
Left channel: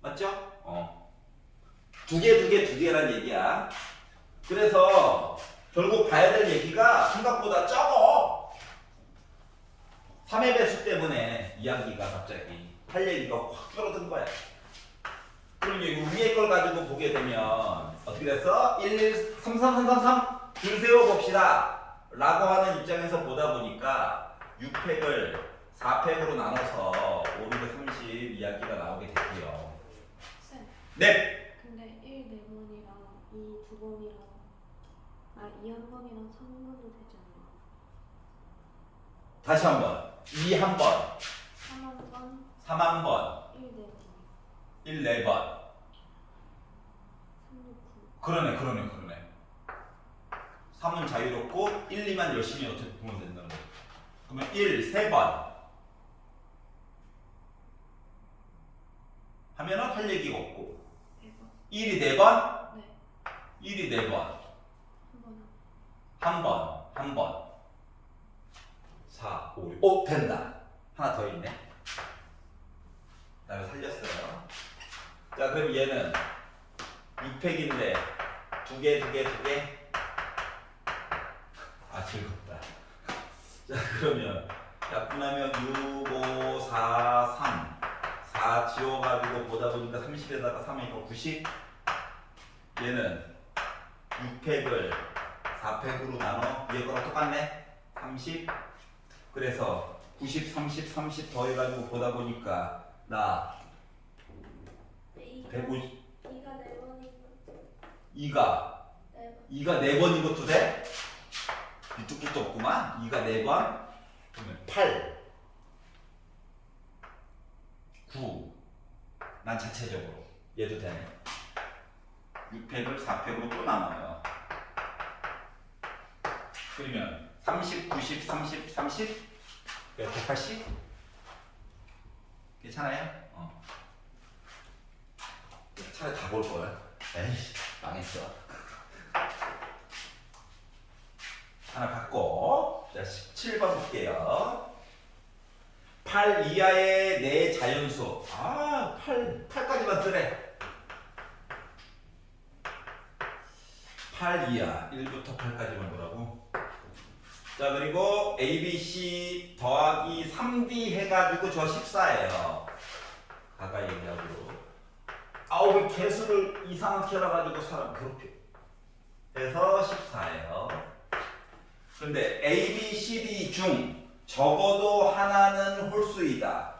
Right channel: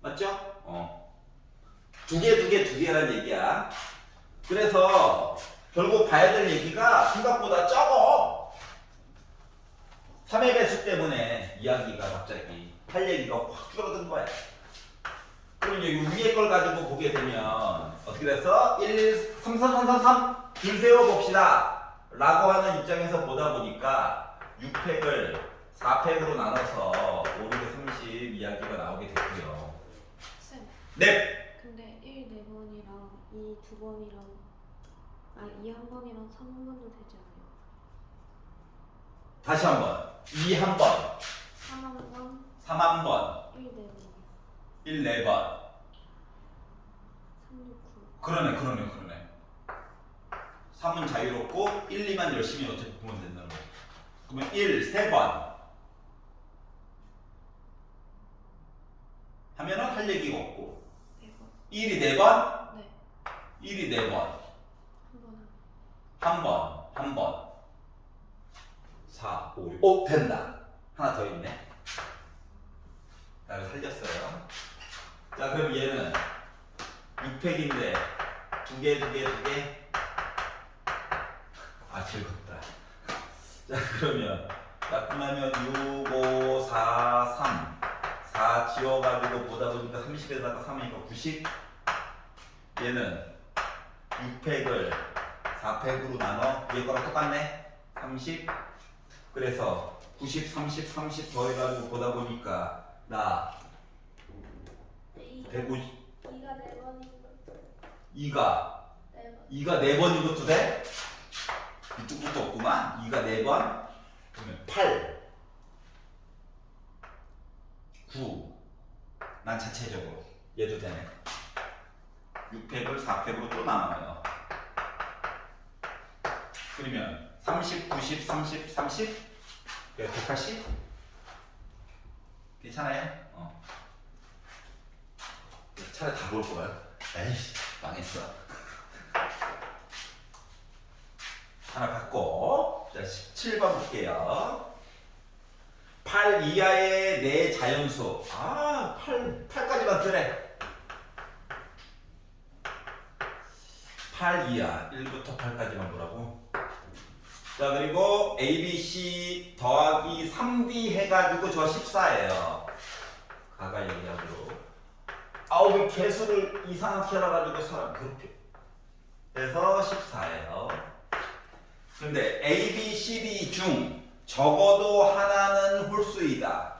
맞죠? 두 개라는 얘기야. 그래서 결국 봐야 될 얘기가 생각보다 적어. 3의 배수 때문에 이야기가 갑자기 할 얘기가 확 줄어든 거야. 그럼 여기 위에 걸 가지고 보게 되면 어떻게 됐어? 1, 3, 3, 3, 3, 3 줄 세워봅시다 라고 하는 입장에서 보다 보니까 6팩을 4팩으로 나눠서 5, 6, 30 이야기가 나오게 됐고요. 쌤. 네! 근데 1 4번이랑 2 2번이랑 2 1번이랑 3 1번도 되지 않나요? 다시 한번 2 한번 3 1번, 3 한번 1 4번, 1 4번 3 6 9. 그러네 3은 자유롭고 1, 2만 열심히 어차피 보면 된다는 거야. 그러면 1, 3번 하면은 할 얘기가 없고 4번. 1이 4번? 네. 1이 4번 한 번은. 한 번 4, 5, 6 오! 된다. 하나 더 있네. 나를 살렸어요. 자 그럼 얘는 6팩인데 두 개 아 즐겁다. 자 그러면 약분하면 6, 5, 4, 3 4 지워가지고 보다 보니까 30에다가 3이니까 90. 얘는 6팩을 4팩으로 나눠 위에 거랑 똑같네. 30. 그래서 90, 30, 30 더해가지고 보다 보니까 나 150. 2가 4번인 거. 2가 4번인 것도 돼? 밑도 끝도 없구만. 2가 4번. 그러면 8 9 난 자체적으로 얘도 되네. 6팩을 4팩으로 또 나눠요. 그러면 30, 90, 30, 30 180 괜찮아요? 차라리 다 볼 거야. 에이씨 망했어. 하나 받고 자 17번 볼게요. 8 이하의 네 자연수. 8까지만 쓰래. 8 이하 1부터 8까지만 보라고. 자 그리고 ABC 더하기 3D 해가지고 저 14예요. 가가 얘기하기로. 왜 개수를 이상하게 해가지고 사람 괴롭혀. 그래서 14예요. 근데 A, B, C, D 중 적어도 하나는 홀수이다.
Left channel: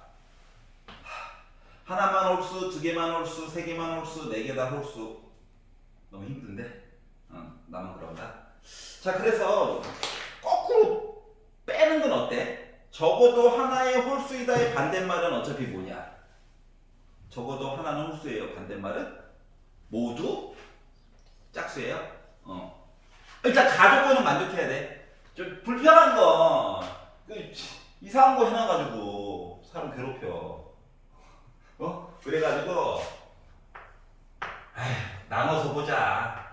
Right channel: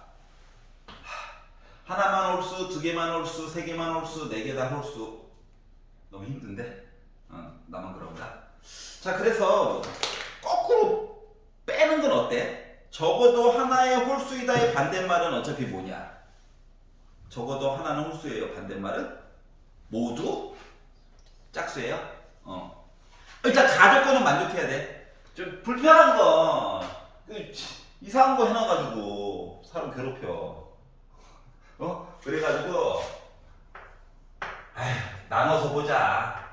하나만 홀수, 두 개만 홀수, 세 개만 홀수, 네 개 다 홀수. 너무 힘든데? 나만 그런가? 자, 그래서 거꾸로 빼는 건 어때? 적어도 하나의 홀수이다의 반대말은 어차피 뭐냐? 적어도 하나는 홀수예요. 반대말은 모두 짝수예요. 일단 가족권은 만족해야 돼. 좀 불편한 거, 이상한 거 해놔가지고 사람 괴롭혀. 그래가지고 나눠서 보자.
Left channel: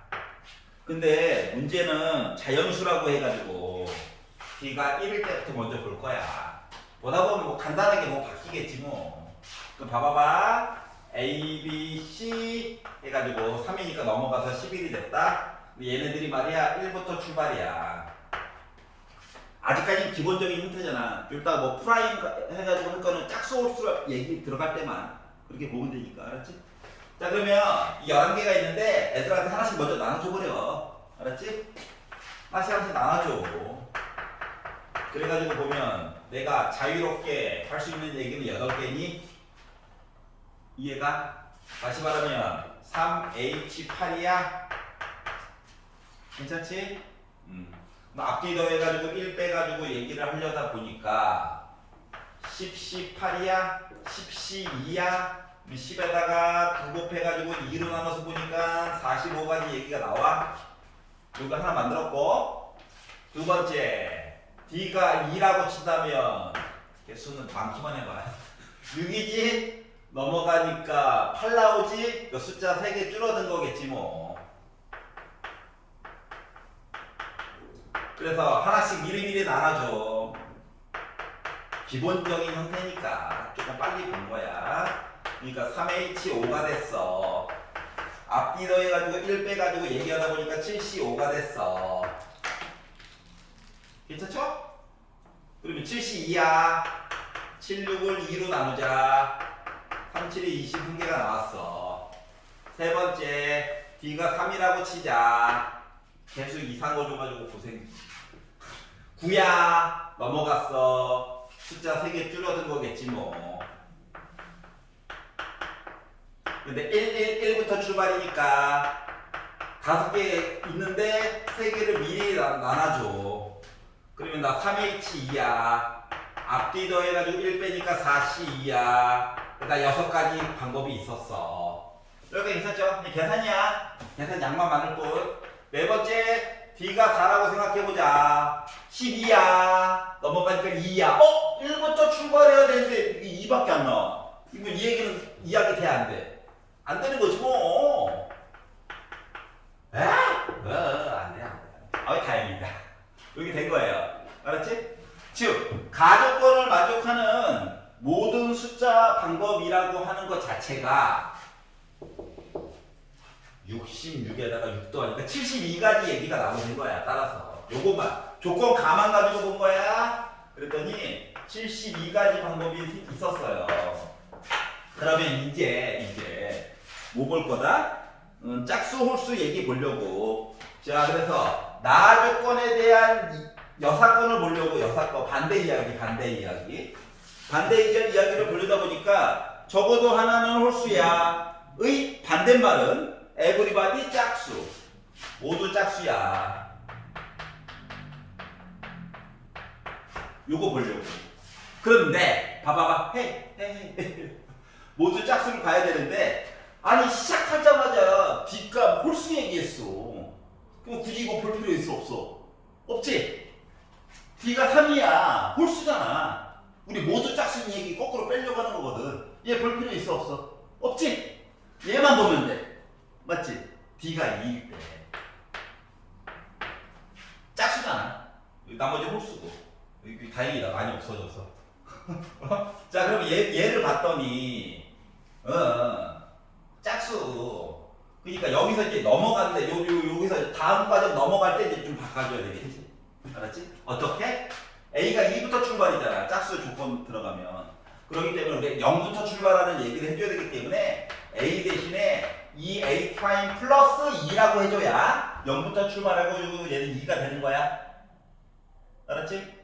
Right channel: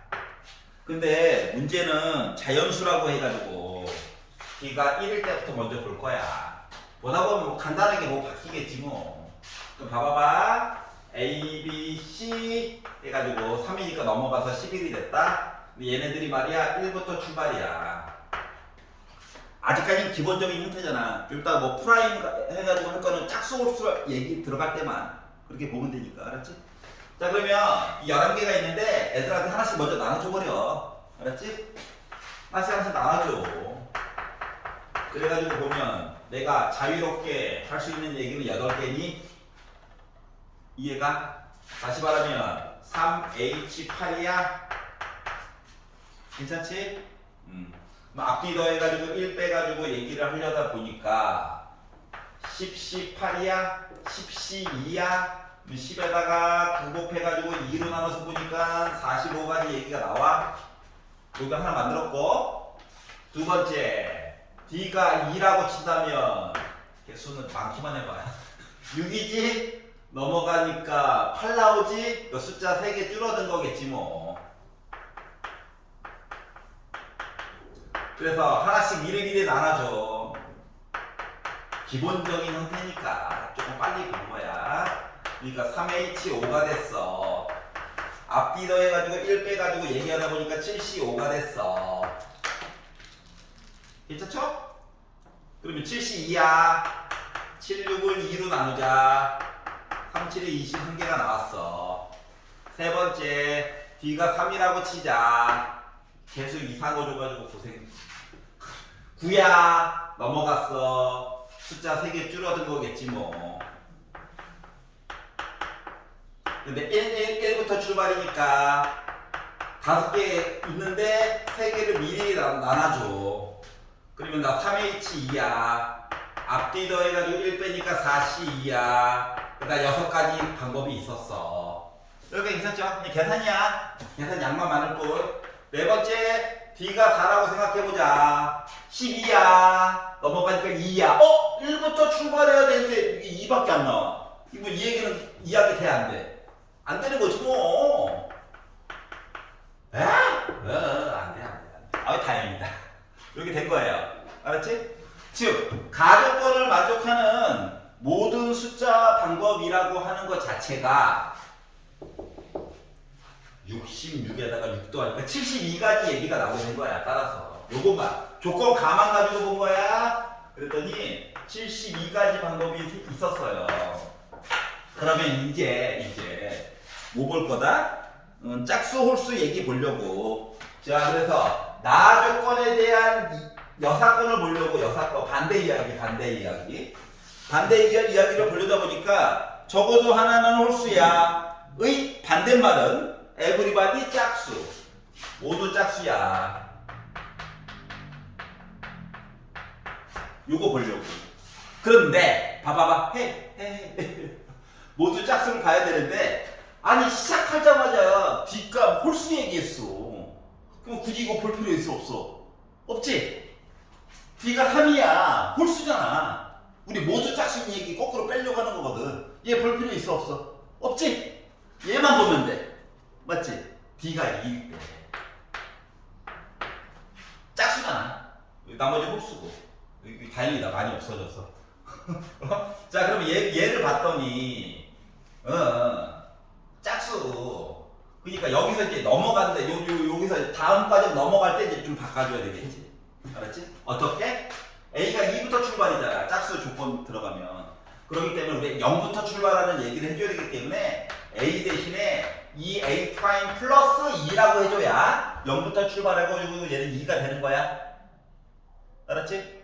근데 문제는 자연수라고 해가지고 D가 1일 때부터 먼저 볼 거야. 보다 보면 뭐 간단하게 뭐 바뀌겠지 뭐. 그럼 봐봐봐. A, B, C 해가지고 3이니까 넘어가서 11이 됐다. 근데 얘네들이 말이야 1부터 출발이야. 아직까지는 기본적인 형태잖아. 일단 뭐 프라임 해가지고 할 거는 짝수 홀수 얘기 들어갈 때만 그렇게 보면 되니까. 알았지? 자 그러면 이 11개가 있는데 애들한테 하나씩 먼저 나눠줘 버려. 알았지? 하나씩 나눠줘. 그래가지고 보면 내가 자유롭게 할 수 있는 얘기는 8개니 이해가? 다시 말하면 3H8이야. 괜찮지? 앞뒤 더해가지고 1 빼가지고 얘기를 하려다 보니까 10C8이야? 10C2야? 10에다가 9 곱해가지고 2로 나눠서 보니까 45가지 얘기가 나와. 여기가 하나 만들었고, 두 번째 D가 2라고 친다면 개수는 많기만 해봐. 6이지? 넘어가니까 8 나오지? 그 숫자 3개 줄어든 거겠지 뭐. 그래서 하나씩 미리미리 나눠줘. 기본적인 형태니까 조금 빨리 본 거야. 그러니까 3H5가 됐어. 앞뒤 더해가지고 1 빼가지고 얘기하다 보니까 7C5가 됐어. 괜찮죠? 그러면 7C2야. 7, 6을 2로 나누자. 3, 7이 21개가 나왔어. 세 번째, D가 3이라고 치자. 개수 이상호 줘가지고 고생. 9야. 넘어갔어. 숫자 3개 줄어든 거겠지 뭐. 근데 1부터 출발이니까 5개 있는데 3개를 미리 나눠줘. 그러면 나 3H2야. 앞뒤 더해가지고 1 빼니까 4C2야. 그러니까 6가지 방법이 있었어. 여기가 괜찮죠? 그냥 계산이야. 계산 양만 많을 뿐. 네 번째, D가 4라고 생각해보자. 12야. 넘어가니까 2야. 1부터 출발해야 되는데 이게 2밖에 안 나와. 이거 이 얘기는 이야기 돼, 안 돼? 안 되는 거지 뭐. 에? 안 돼, 안 돼. 다행이다. 이렇게 된 거예요. 알았지? 즉, 가족권을 만족하는 모든 숫자 방법이라고 하는 것 자체가 66에다가 6 더하니까 72가지 얘기가 나오는 거야. 따라서 요것만 조건 가만 가지고 본 거야. 그랬더니 72가지 방법이 있었어요. 그러면 이제 뭐 볼 거다? 짝수 홀수 얘기 보려고. 자, 그래서 나 조건에 대한 여사건을 보려고. 여사건 반대 이야기를 보려다 보니까 적어도 하나는 홀수야 의 반대말은 everybody 짝수, 모두 짝수야. 요거 보려고. 그런데 봐봐봐, 모두 짝수를 봐야 되는데, 아니 시작하자마자 D값 홀수 얘기했어. 그럼 굳이 이거 볼 필요 있어 없어? 없지? D가 3이야. 홀수잖아. 우리 모두 짝수인 얘기 거꾸로 빼려고 하는 거거든. 얘 볼 필요 있어 없어? 없지? 얘만 보면 돼. 맞지? D가 2일 때 짝수잖아. 나머지 홀수고. 다행이다. 많이 없어졌어. 자, 그럼 얘를 봤더니 짝수. 그러니까 여기서 이제 넘어가는데 여기서 다음 과정 넘어갈 때 이제 좀 바꿔줘야 되겠지. 알았지? 어떻게? A가 2부터 출발이잖아. 짝수 조건 들어가면. 그렇기 때문에 우리 0부터 출발하는 얘기를 해줘야 되기 때문에 A 대신에 2A 프라임 플러스 2라고 해줘야 0부터 출발하고 얘는 2가 되는 거야. 알았지?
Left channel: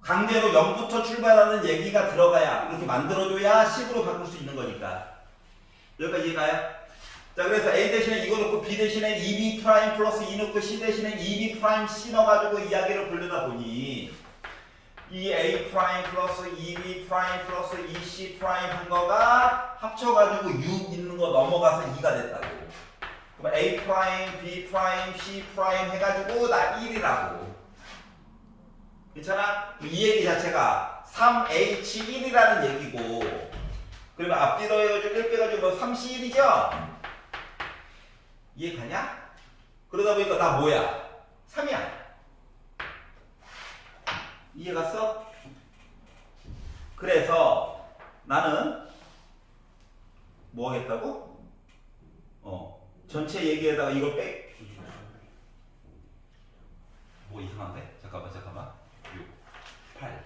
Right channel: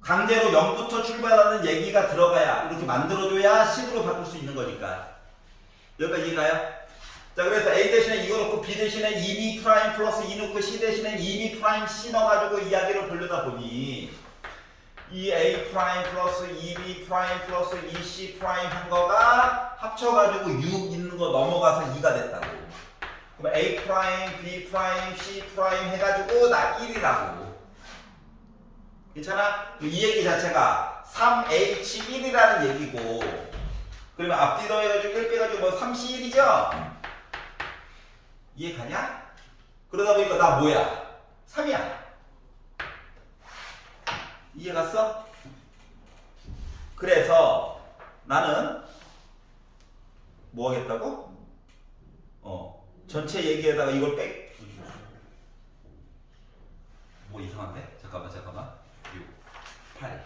강제로 0부터 출발하는 얘기가 들어가야, 이렇게 만들어줘야 10으로 바꿀 수 있는 거니까. 여기까지 이해가요? 자, 그래서 A 대신에 이거 넣고 B 대신에 2B 프라임 플러스 2 넣고 C 대신에 2B 프라임 C 넣어가지고 이야기를 보려다 보니 이 A 프라임 플러스 2B 프라임 플러스 2C 프라임 한 거가 합쳐가지고 6 있는 거 넘어가서 2가 됐다고. 그럼 A 프라임, B 프라임, C 프라임 해가지고 나 1이라고. 괜찮아? 이 얘기 자체가 3H1이라는 얘기고, 그러면 앞뒤 더해가지고 1 빼가지고 뭐 3C1이죠? 이해 가냐? 그러다 보니까 나 뭐야? 3이야. 이해 갔어? 그래서 나는 뭐 하겠다고? 전체 얘기에다가 이걸 빼. 뭐 이상한데? 잠깐만. 6, 8,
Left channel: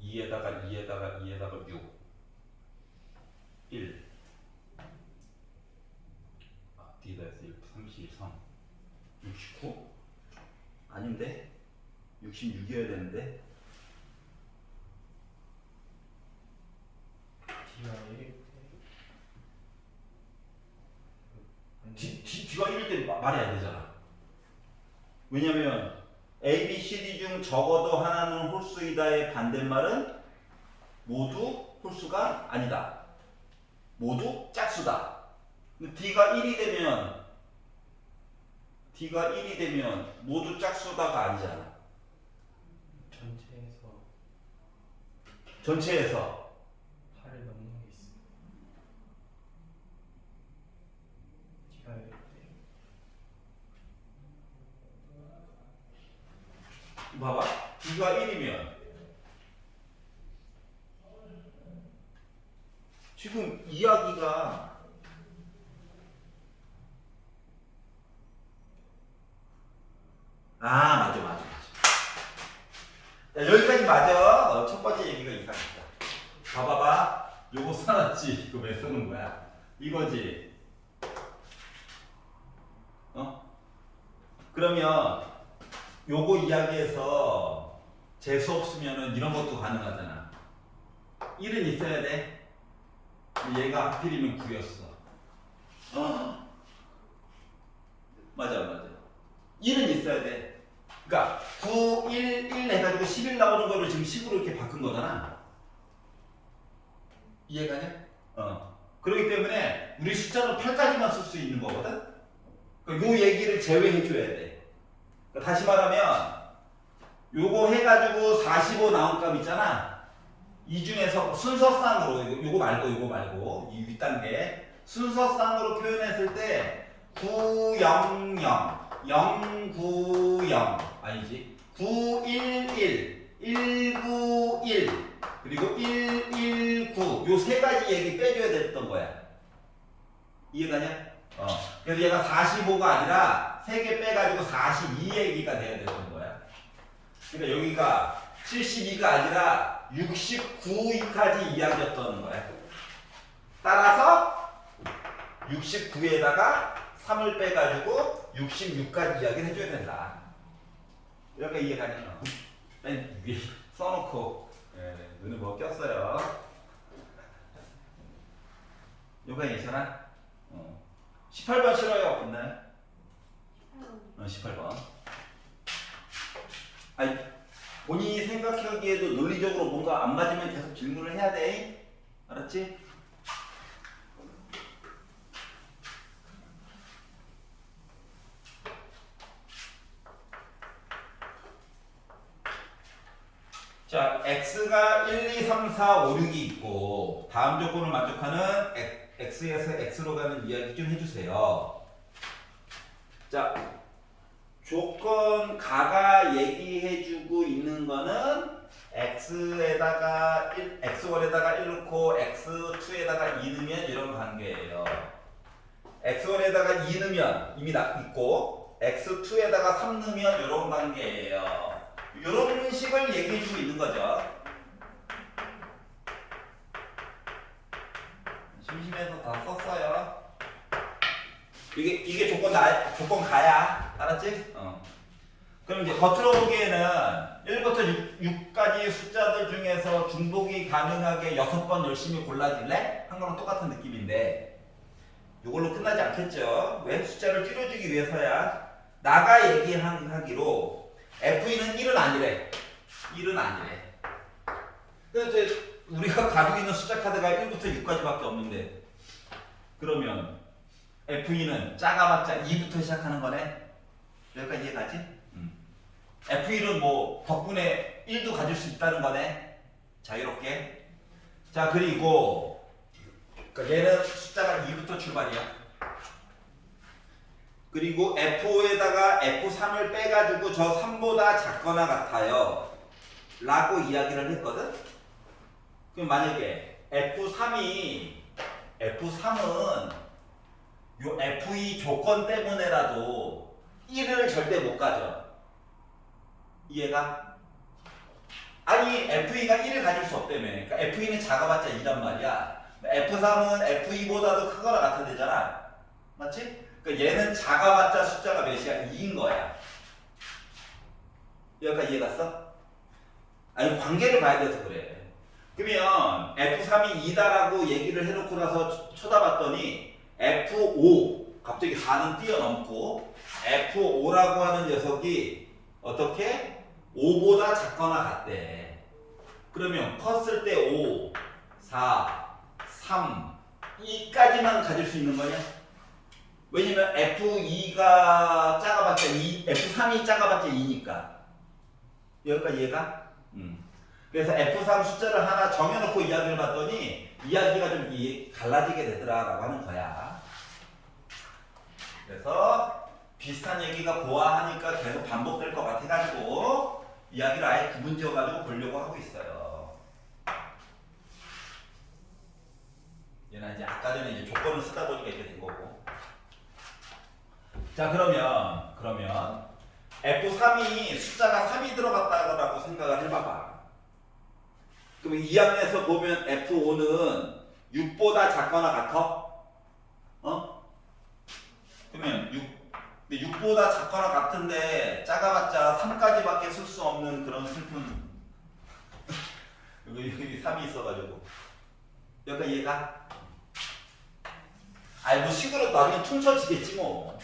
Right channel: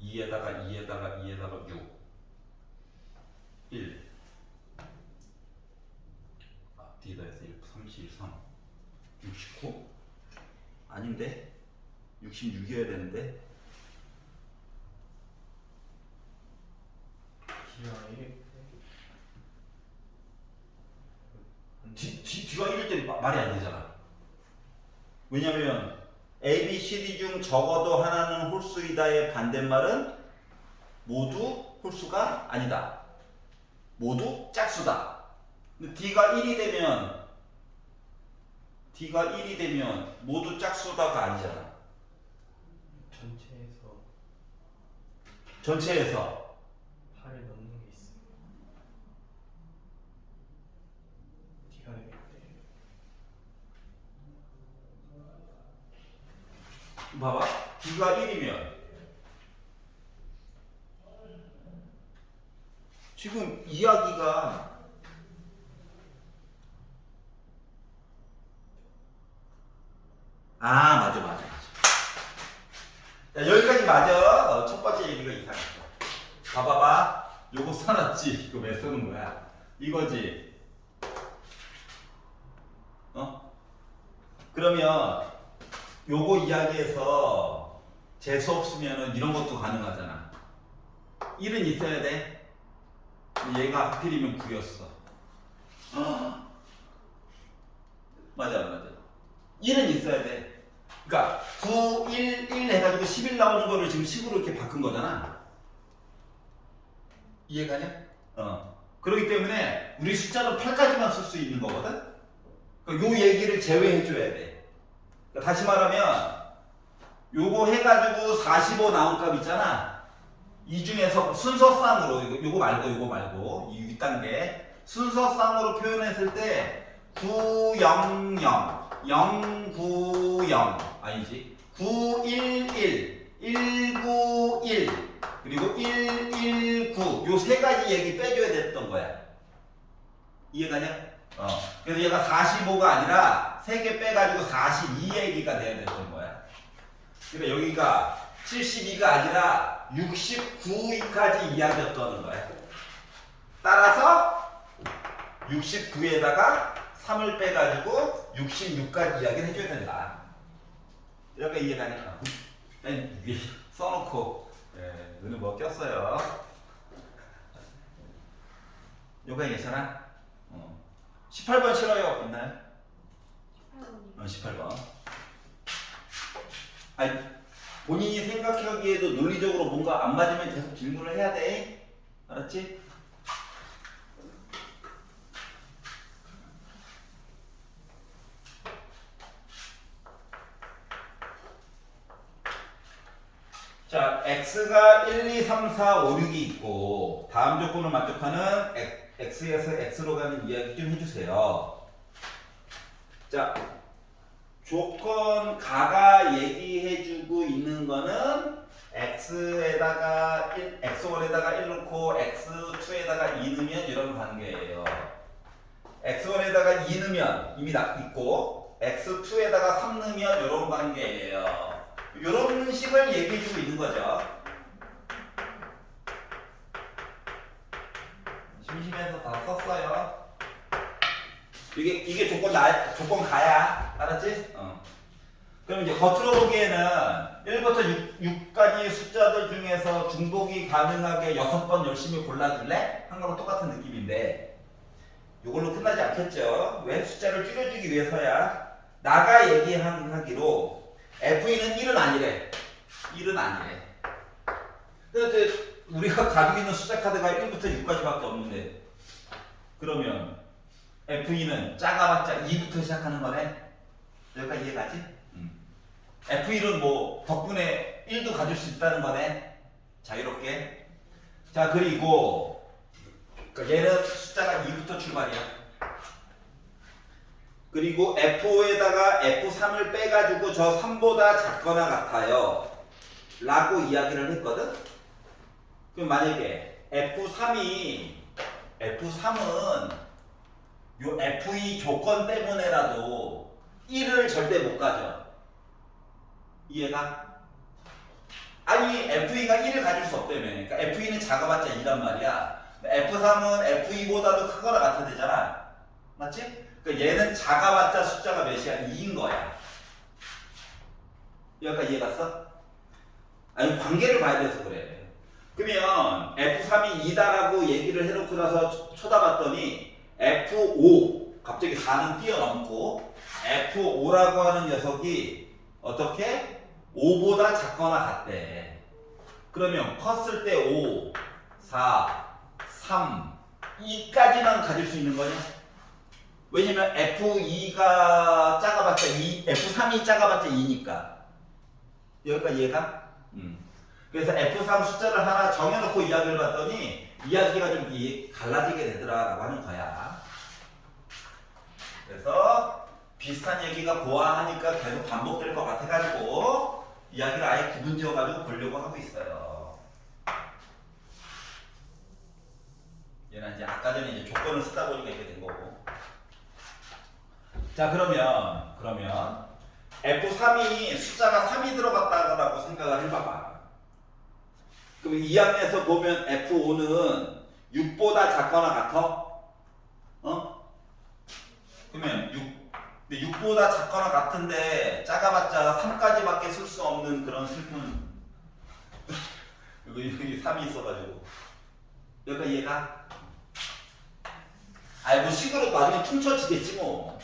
2에다가 6, 1, 앞뒤에다 해서 1, 33, 69? 아닌데? 66이어야 되는데? D가 1일 때 말이 안 되잖아. 왜냐면 A, B, C, D 중 적어도 하나는 홀수이다의 반대말은 모두 홀수가 아니다. 모두 짝수다. 근데 D가 1이 되면 D가 1이 되면 모두 짝수다가 아니잖아. 전체에서 8을 넘는 게 있어. D가 되겠대. 봐봐. D가 1이면 지금 이야기가 맞아. 자, 여기까지 맞아. 첫 번째 얘기가 이상했다. 봐봐봐. 요거 써놨지. 이거 왜 쓰는 거야? 이거지. 그러면 요거 이야기에서 재수 없으면은 이런 것도 가능하잖아. 1은 있어야 돼. 얘가 하필이면 9였어. 맞아. 1은 있어야 돼. 그러니까 9, 1 해가지고 11 나오는 거를 지금 10으로 이렇게 바꾼 거잖아. 이해가냐? 그렇기 때문에 우리 숫자는 8까지만 쓸 수 있는 거거든? 그러니까 요 얘기를 제외해줘야 돼. 그러니까 다시 말하면 요거 해가지고 45 나온 값 있잖아. 이 중에서 순서상으로 요거 말고 이 윗단계 순서상으로 표현했을 때 900, 090 아니지 911, 191 그리고 119 요 세 가지 얘기 빼줘야 됐던 거야. 이해가냐? 그래서 얘가 45가 아니라 3개 빼가지고 42 얘기가 돼야 됐던 거야. 그러니까 여기가 72가 아니라 69까지 이야기였다는 거야. 따라서 69에다가 3을 빼가지고 66까지 이야기를 해줘야 된다. 이렇게 이해가냐? 아니, 위에 써놓고 눈에 뭐 꼈어요. 요거 괜찮아? 18번 싫어요? 있나요? 18번이요. 18번. 아니, 본인이 생각하기에도 논리적으로 뭔가 안 맞으면 계속 질문을 해야 돼. 알았지? 자, x가 1, 2, 3, 4, 5, 6이 있고 다음 조건을 만족하는 x에서 x로 가는 이야기 좀 해주세요. 자, 조건 가가 얘기해주고 있는 거는 x에다가 x1에다가 1 넣고 x2에다가 2 넣으면 이런 관계예요. x1에다가 2 넣으면 이미 있고 x2에다가 3 넣으면 이런 관계예요. 이런 식을 얘기해주고 있는 거죠. 심심해서 다 썼어요. 이게 조건 가야. 알았지? 그럼 이제 겉으로 보기에는 1부터 6까지의 숫자들 중에서 중복이 가능하게 6번 열심히 골라줄래? 한 거랑 똑같은 느낌인데 이걸로 끝나지 않겠죠? 왜? 숫자를 줄여주기 위해서야. 나가 얘기하기로 F는 1은 아니래. 1은 아니래. 근데 우리가 가지고 있는 숫자 카드가 1부터 6까지밖에 없는데 그러면 F2는 작아봤자 2부터 시작하는 거네. 여기까지 이해가지? F1은 뭐 덕분에 1도 가질 수 있다는 거네. 자유롭게. 자, 그리고 얘는 숫자가 2부터 출발이야. 그리고 F5에다가 F3을 빼가지고 저 3보다 작거나 같아요 라고 이야기를 했거든. 그럼 만약에 F3은 요 F2 조건 때문에라도 1을 절대 못 가져. 이해가? 아니 F2가 1을 가질 수 없다며. 그러니까 F2는 작아봤자 2란 말이야. F3은 F2보다도 크거나 같아야 되잖아. 맞지? 그러니까 얘는 작아봤자 숫자가 몇이야? 2인 거야. 여기까지 이해 갔어? 아니 관계를 봐야 돼서 그래. 그러면 F3이 2다라고 얘기를 해놓고 나서 쳐다봤더니 F5 갑자기 4는 뛰어넘고 F5라고 하는 녀석이 어떻게? 5보다 작거나 같대. 그러면 컸을 때 5, 4, 3, 2까지만 가질 수 있는 거냐? 왜냐면 F2가 작아봤자 2, F3이 작아봤자 2니까. 여기까지 이해가? 그래서 F3 숫자를 하나 정해놓고 이야기를 봤더니 이야기가 좀 갈라지게 되더라라고 하는 거야. 그래서 비슷한 얘기가 보아하니까 계속 반복될 것 같아가지고 이야기를 아예 구분 지어가지고 보려고 하고 있어요. 얘는 이제 아까 전에 이제 조건을 쓰다 보니까 이렇게 된 거고. 자 그러면 F3이 숫자가 3이 들어갔다고 생각을 해봐봐. 그럼 2학년에서 보면 F5는 6보다 작거나 같아? 어? 그러면 근데 6보다 작거나 같은데 작아봤자 3까지밖에 쓸 수 없는 그런 슬픈 여기 3이 있어가지고 여기가 이해가? 아이 뭐 식으로 나중에 퉁쳐지겠지 뭐.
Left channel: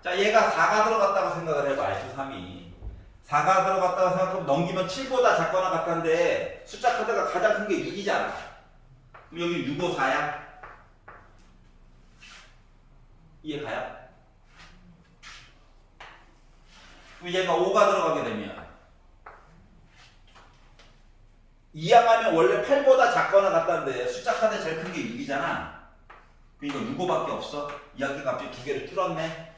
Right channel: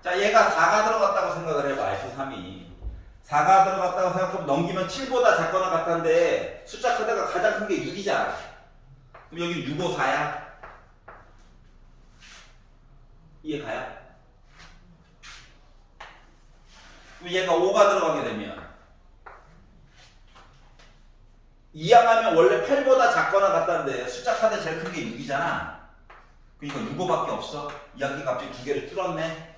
자 얘가 4가 들어갔다고 생각을 해봐. F3이 4가 들어갔다고 생각하면 넘기면 7보다 작거나 같은데 숫자 카드가 가장 큰 게 6이잖아. 그럼 여기 6, 5, 4야? 이해가요? 얘가 5가 들어가게 되면 2항하면 원래 8보다 작거나 같다는데 숫자 카드 제일 큰 게 6이잖아. 그러니까 6, 5밖에 없어. 이야기 갑자기 두 개를 뚫었네.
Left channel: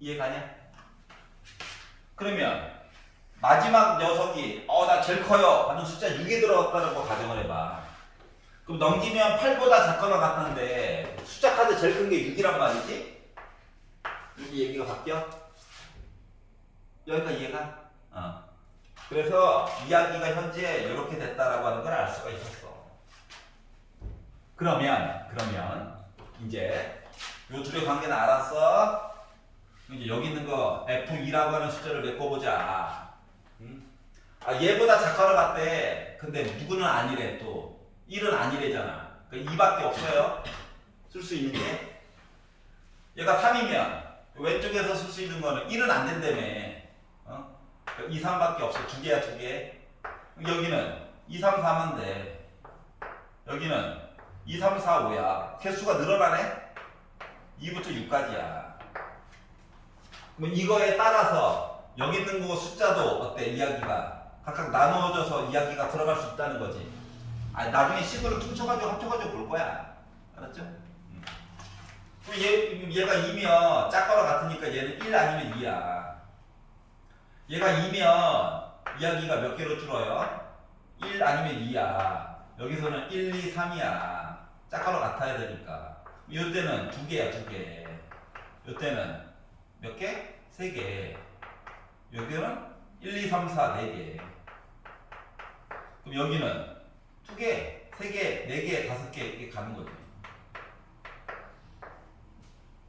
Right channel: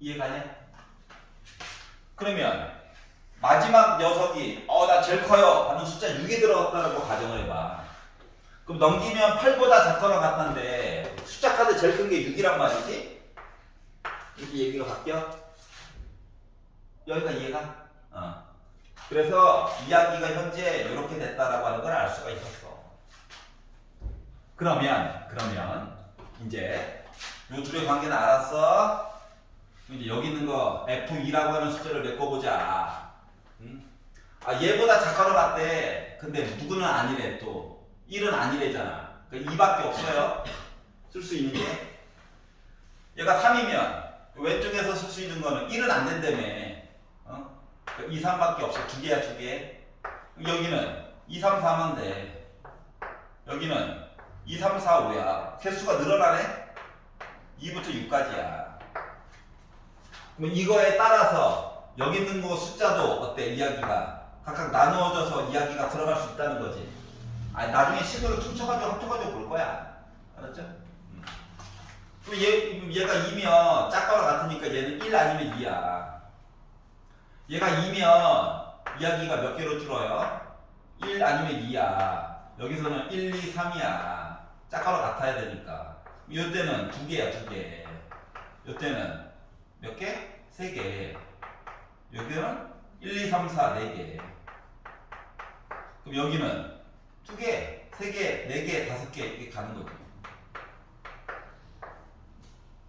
이해가냐? 그러면 마지막 녀석이 나 제일 커요 하는 숫자 6이 들어갔다는 거 가정을 해봐. 그럼 넘기면 8보다 작거나 같다는데 숫자 카드 제일 큰 게 6이란 말이지? 이렇게 얘기가 바뀌어? 여기가 이해가? 그래서 이야기가 현재 이렇게 됐다라고 하는 걸 알 수가 있었어. 그러면 이제 요 둘의 관계는 알았어? 이제 여기 있는 거 F2라고 하는 숫자를 메꿔보자. 얘보다 작거나 같대. 근데 누구는 아니래 또. 1은 아니래잖아. 그러니까 2밖에 없어요. 쓸 수 있는 게. 얘가 3이면 왼쪽에서 쓸 수 있는 거는 1은 안 된다며. 2, 3밖에 없어. 두 개야, 두 개. 여기는 2, 3, 4면 돼. 여기는 2, 3, 4, 5야. 개수가 늘어나네? 2부터 6까지야. 그럼 이거에 따라서 여기 있는 거 숫자도 어때? 이야기가 각각 나누어져서 이야기가 들어갈 수 있다는 거지. 나중에 식으로 퉁쳐가지고 합쳐가지고 볼 거야. 알았죠? 그럼 얘가 2면 작거나 같으니까 얘는 1 아니면 2야. 얘가 2면 이야기가 몇 개로 줄어요? 1 아니면 2야. 여기서는 1, 2, 3이야. 작거나 같아야 되니까. 이때는 2개야, 2개. 이때는 몇 개? 3개. 여기는 1, 2, 3, 4, 4개. 그럼 여기는 2개, 3개, 4개, 5개 이렇게 가는 거죠.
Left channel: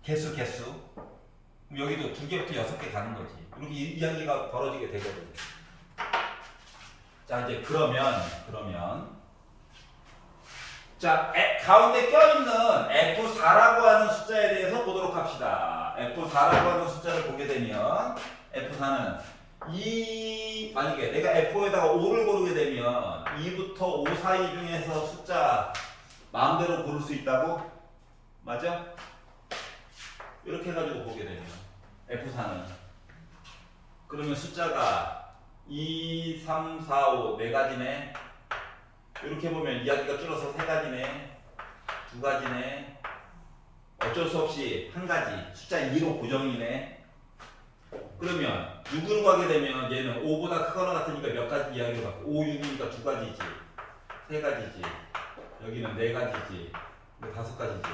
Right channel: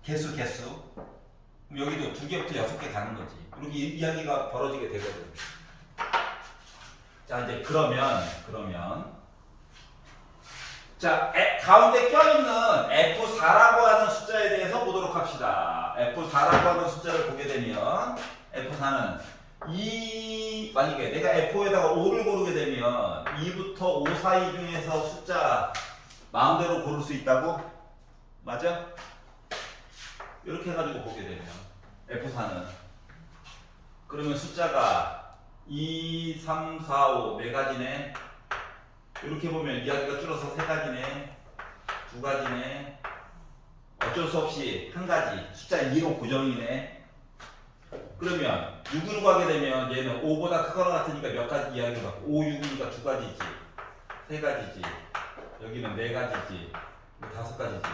개수. 그럼 여기도 2개부터 6개 가는 거지. 이렇게 이야기가 벌어지게 되거든. 자, 이제 그러면 자, 가운데 껴있는 F4라고 하는 숫자에 대해서 보도록 합시다. F4라고 하는 숫자를 보게 되면 F4는 만약에 내가 F5에다가 5를 고르게 되면 2부터 5 사이 중에서 숫자 마음대로 고를 수 있다고? 맞아? 이렇게 해가지고 보게 되면 F4는 그러면 숫자가 2, 3, 4, 5 네 가지네. 이렇게 보면 이야기가 줄어서 3가지네, 2가지네. 어쩔 수 없이 한 가지 숫자 2로 고정이네. 그러면 6으로 가게 되면 얘는 5보다 크거나 같으니까 몇 가지 이야기를 받고 5, 6이니까 2가지지, 3가지지, 여기는 4가지지, 5가지지.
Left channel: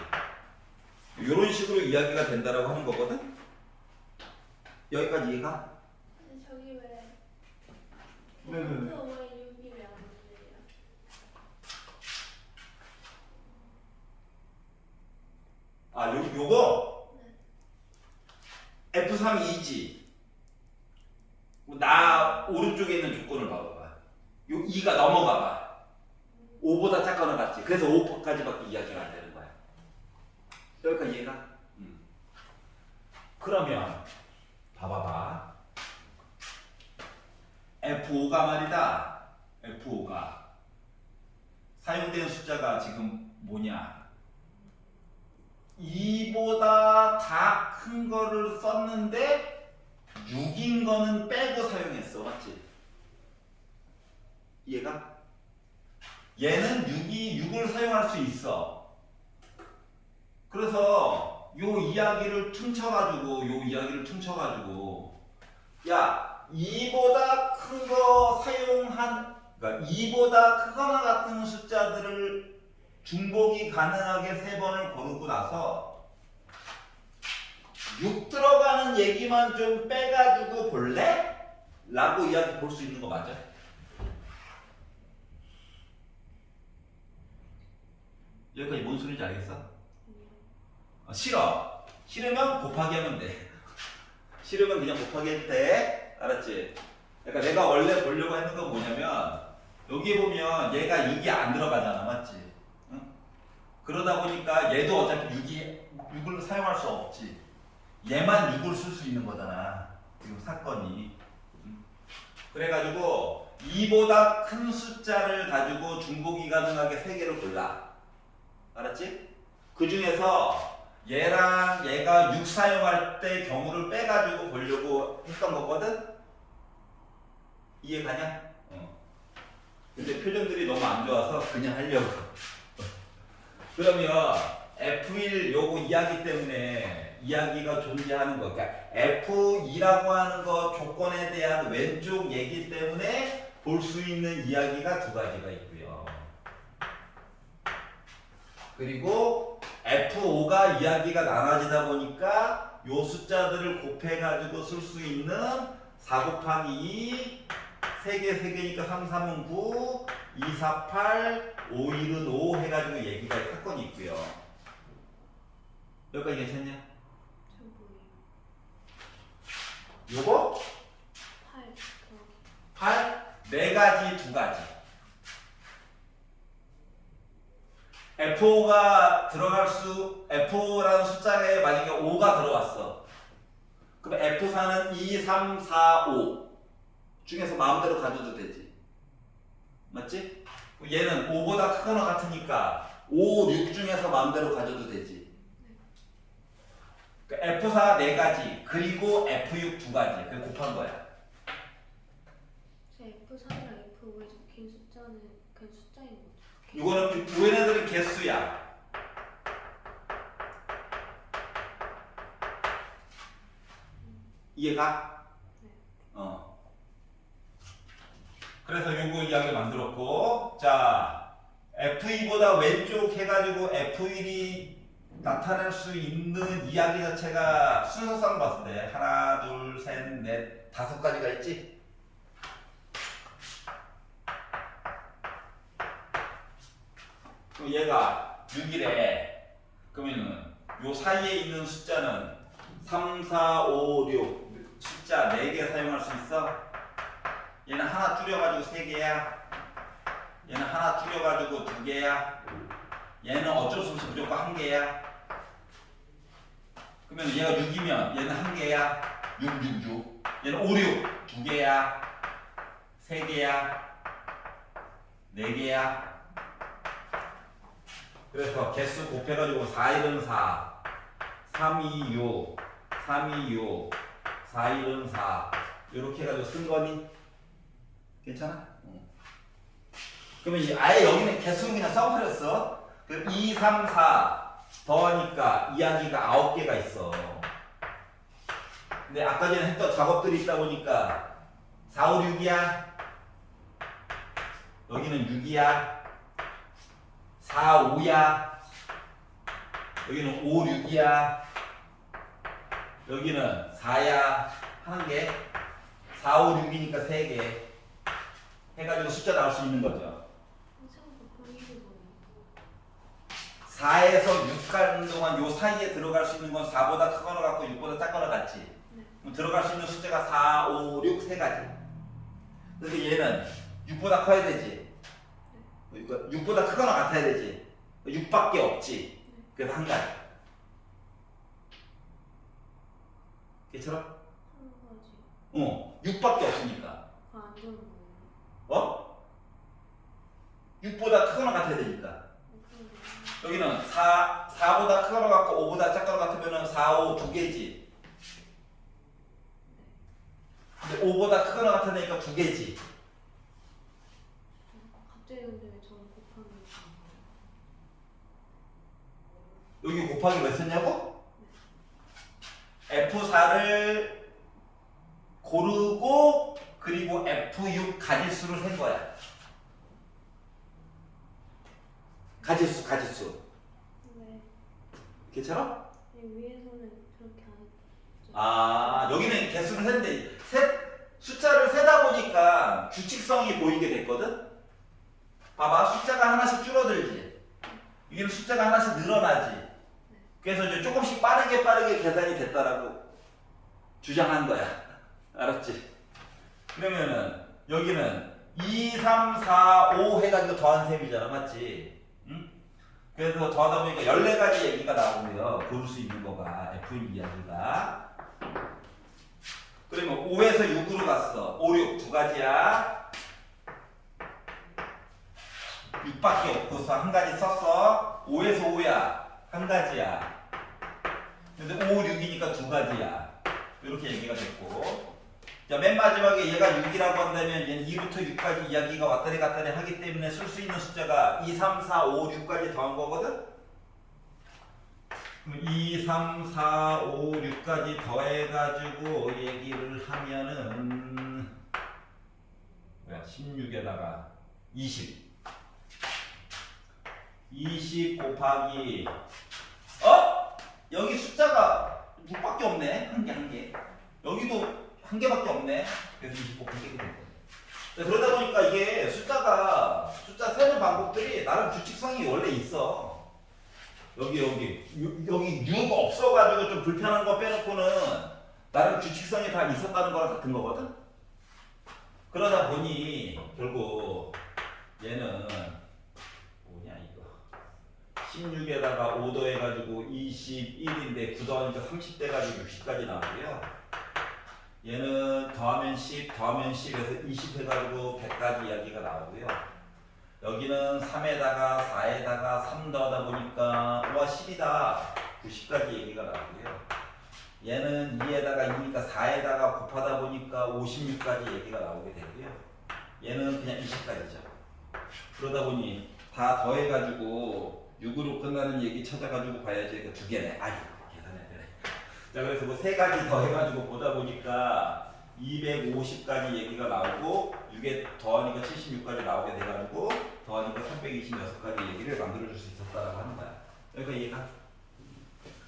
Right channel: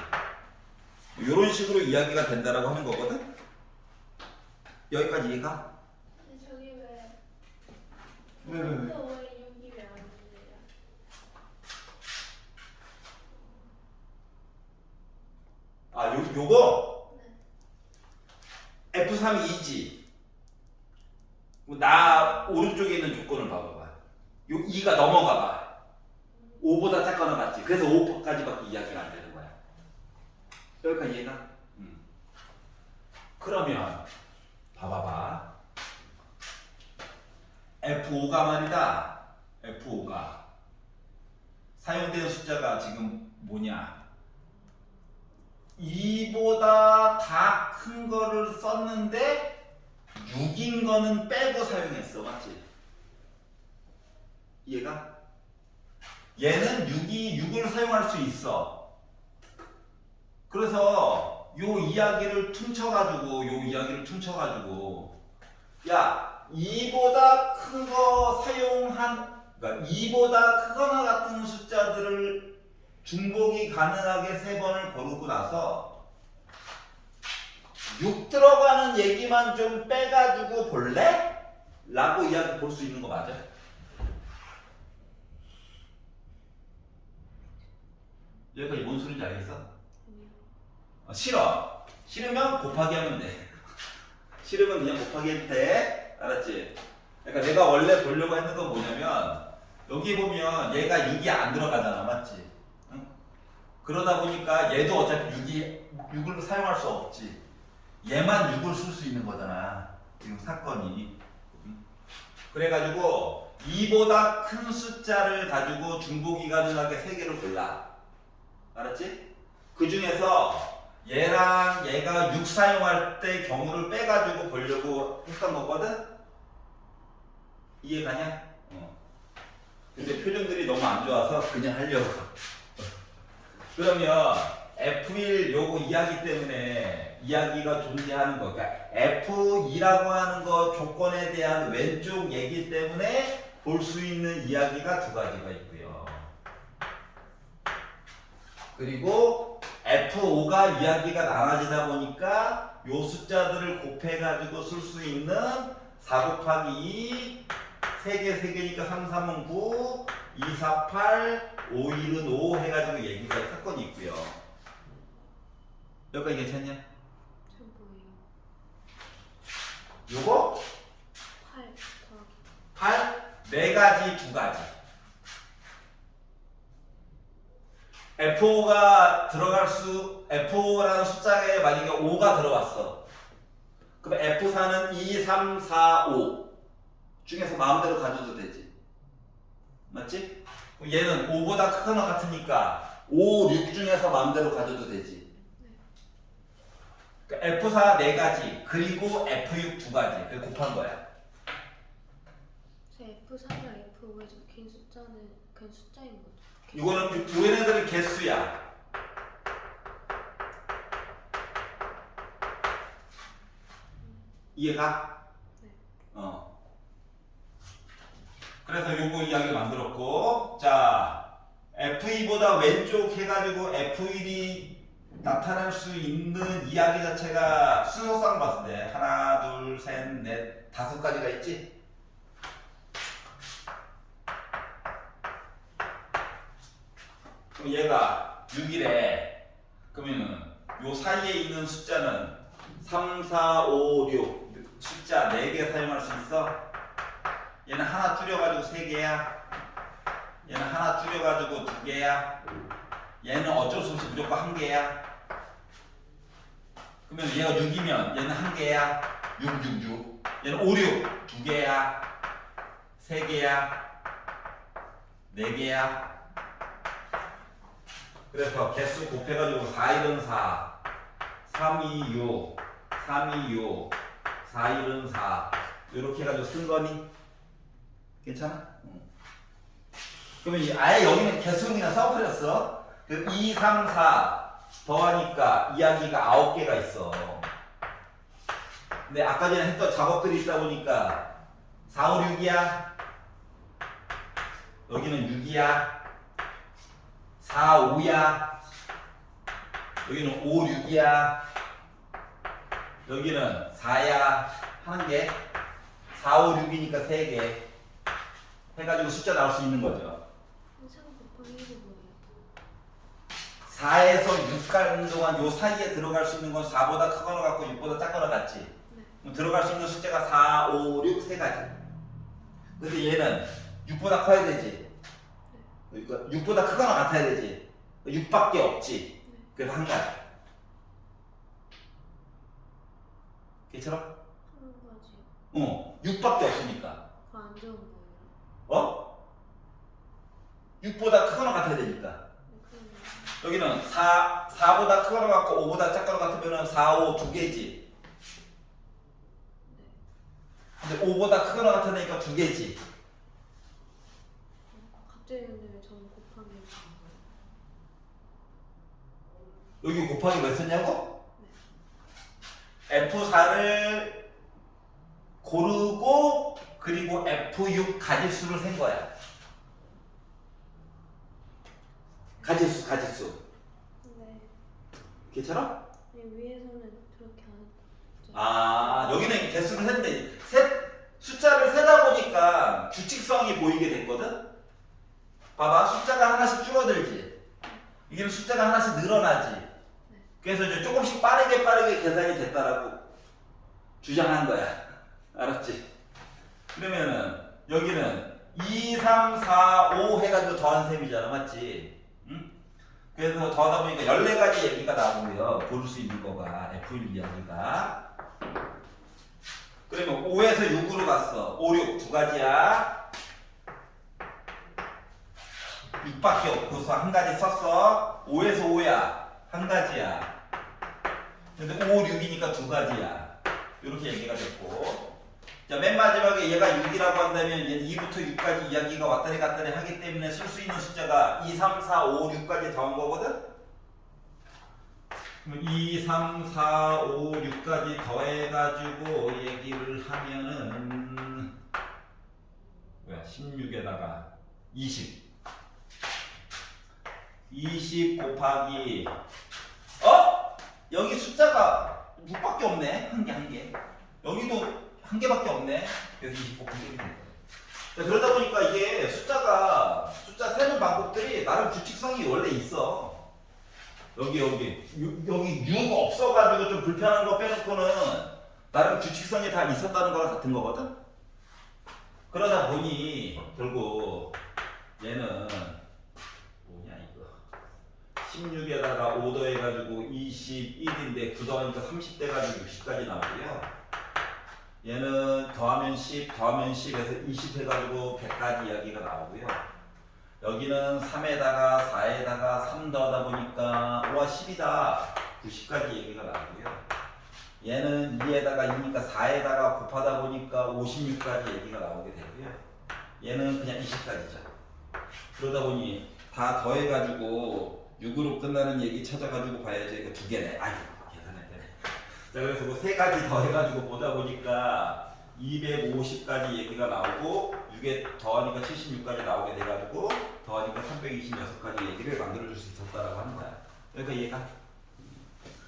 이런 식으로 이야기가 된다라고 하는 거거든. 여기까지 이해가? 근데 저기 왜? 왜? 왜 6이 왜 안 되냐? 요거 네. F3이 2지. 나 오른쪽에 있는 조건을 봐봐봐. 요 2가 넘어가봐. 5보다 작거나 같지. 그래서 5까지밖에 이야기가 안 되는 거야. 여기까지 이해가? 그러면 봐봐봐. F5가 말이다. F5가 사용되는 숫자가 지금 뭐냐? 2보다 다 큰 거를 썼는데 6인 거는 빼고 사용했어. 맞지? 이해가? 얘는 6을 사용할 수 있어. 그래서 요 이야기를 퉁쳐가지고 야 2보다 큰 거 사용한 그러니까 2보다 크거나 같은 숫자들을 중복이 가능하게 3번을 고르고 나서 6 들어가는 얘기만 좀 빼가지고 볼래? 라고 이야기 볼 수 있는 거 맞아? 여기까지 뭔 소리인지 알겠어? 싫어. 싫으면 곱하기 하면 돼. 싫으면 그냥 곱하기 해도 돼. 알았지? 그러니까 내가 원래 보려고 했는 건 뭐냐면 여기 보면 얘가 6이 안 들어가잖아. 맞지? 응? 그러다 보니까 얘도 어차피 6을 사용할 수 없지. 얘만 6을 쓸 수 있는 거잖아. 지금 사건이. 그래가지고 2보다 큰 숫자를 가지고 중복이 가능하게 3개를 골라. 알았지? 그 중에서 얘랑 얘가 6 사용할 때 경우를 빼가지고 보려고 했던 거거든? 이해가냐? 근데 표정들이 너무 안 좋아서 그냥 하려고. 그러면 F1 요거 이야기 때문에 이야기가 존재하는 거. 그러니까 F2라고 하는 거 조건에 대한 왼쪽 얘기 때문에 볼 수 있는 이야기가 2가지가 있고요. 그리고 F5가 이야기가 나눠지다 보니까 요 숫자들을 곱해가지고 쓸 수 있는 4 곱하기 2 3개니까 3, 3은 9 2, 4, 8 5, 1은 5 해가지고 얘기가 사건이 있고요. 여기까지 괜찮냐? 저 뭐예요? 요거 8 4가지 2가지 F5라는 숫자에 만약에 5가 들어왔어. 그럼 F4는 2, 3, 4, 5 중에서 마음대로 가져도 되지. 맞지? 얘는 5보다 크거나 같으니까 5, 6 중에서 마음대로 가져도 되지. F4 4가지 그리고 F6 2가지 그래서 곱한 거야. 저 F3이랑 F5에 적힌 숫자는 그냥 숫자인 거죠? 이거는 얘네들은 개수야. 이해가? 그래서 요거 이야기를 만들었고, 자 F2보다 왼쪽 해가지고 F1이 나타낼 수 있는 이야기 자체가 순서상 봤을 때 하나, 둘, 셋, 넷, 5가지가 있지? 그럼 얘가 6이래. 그러면은 요 사이에 있는 숫자는 3, 4, 5, 6 숫자 4개 사용할 수 있어? 얘는 하나 줄여가지고 3개야. 얘는 하나 줄여가지고 2개야. 얘는 어쩔 수 없이 무조건 1개야. 그러면 얘가 6이면 얘는 1개야. 6, 6, 6. 얘는 5, 6 2개야. 3개야. 4개야. 그래서 개수 곱해가지고 4, 1은 4, 3, 2, 6, 3, 2, 6, 4, 1은 4 이렇게 해가지고 쓴 거니? 괜찮아? 그러면 아예 여기는 개수는 그냥 써버렸어. 그럼 2, 3, 4 더하니까 이야기가 9개가 있어. 근데 아까 전에 했던 작업들이 있다 보니까 4, 5, 6이야. 여기는 6이야. 4, 5야. 여기는 5, 6이야. 여기는 4야. 하는 게 4, 5, 6이니까 3개 해가지고 숫자 나올 수 있는 거죠. 3 곱하기 1이 뭐예요? 4에서 6 가는 동안 요 사이에 들어갈 수 있는 건 4보다 크거나 같고 6보다 작거나 같지. 네. 그럼 들어갈 수 있는 숫자가 4, 5, 6 3가지. 근데 얘는 6보다 커야 되지. 그러니까 6보다 크거나 같아야 되지. 6밖에 없지. 그래서 1가지. 괜찮아? 1가지. 6밖에 없으니까. 그거 안 좋은 거예요? 6보다 크거나 같아야 되니까. 그러면 여기는 4, 4보다 큰 거 같고 5보다 작은 거 같으면 4, 5 두 개지. 근데 5보다 큰 거 같으니까 두 개지. 갑자기 근데 왜 저는 곱하기 여기 곱하기 몇 썼냐고? F4를 고르고 그리고 F6 가지수를 센 거야. 가지수. 네. 괜찮아? 위에서는 그렇게 안 했죠. 아, 여기는 개수를 했는데 숫자를 세다 보니까 규칙성이 보이게 됐거든? 봐봐, 숫자가 하나씩 줄어들지. 이게 숫자가 하나씩 늘어나지. 그래서 이제 조금씩 빠르게 계산이 됐다라고 주장한 거야. 알았지? 그러면은 여기는 2, 3, 4, 5 해가지고 더한 셈이잖아. 맞지? 응? 그래서 더하다 보니까 14가지 얘기가 나오고요. 고를 수 있는 거가 F1 이야기가. 그러면 5에서 6으로 갔어. 5, 6 두 가지야. 6밖에 없고서 한 가지 썼어. 5에서 5야. 한 가지야. 근데 5, 6이니까 두 가지야. 이렇게 얘기가 됐고. 자, 맨 마지막에 얘가 6이라고 한다면 얘는 2부터 6까지 이야기가 왔다리 갔다리 하기 때문에 쓸 수 있는 숫자가 2, 3, 4, 5, 6까지 더한 거거든? 2, 3, 4, 5, 6까지 더해가지고 얘기를 하면은 뭐야? 16에다가 20 곱하기 여기 숫자가 6밖에 없네. 한 개. 여기도 한 개밖에 없네. 그래서 20 곱하기 1이 된 거예요. 그러다 보니까 이게 숫자 세는 방법들이 나름 규칙성이 원래 있어. 여기 6 없어가지고 좀 불편한 거 빼놓고는 나름 규칙성이 다 있었다는 거랑 같은 거거든. 그러다 보니 결국 얘는 뭐냐 이거 16에다가 5 더해가지고 21인데 9 더하니까 30 돼가지고 60까지 나오고요. 얘는 더하면 10 해서 20 해가지고 100까지 이야기가 나오고요. 여기는 3에다가 4에다가 3 더하다 보니까 5와 10이다 90까지 얘기가 나오고요. 얘는 2에다가 2니까 4에다가 곱하다 보니까 56까지 얘기가 나오게 되고요. 얘는 그냥 20까지죠. 그러다 보니 다 더해가지고 6으로 끝나는 얘기 찾아가지고 봐야지. 이거 두 개네. 아이고 계산해야 되네. 자, 그래서 뭐 세 가지 더해가지고 보다 보니까 250까지 얘기가 나오고 6에 더하니까 76까지 나오게 돼가지고 더하니까 326까지 얘기를 만들어줄 수 있었다라고 하는 거야. 그러니까 얘가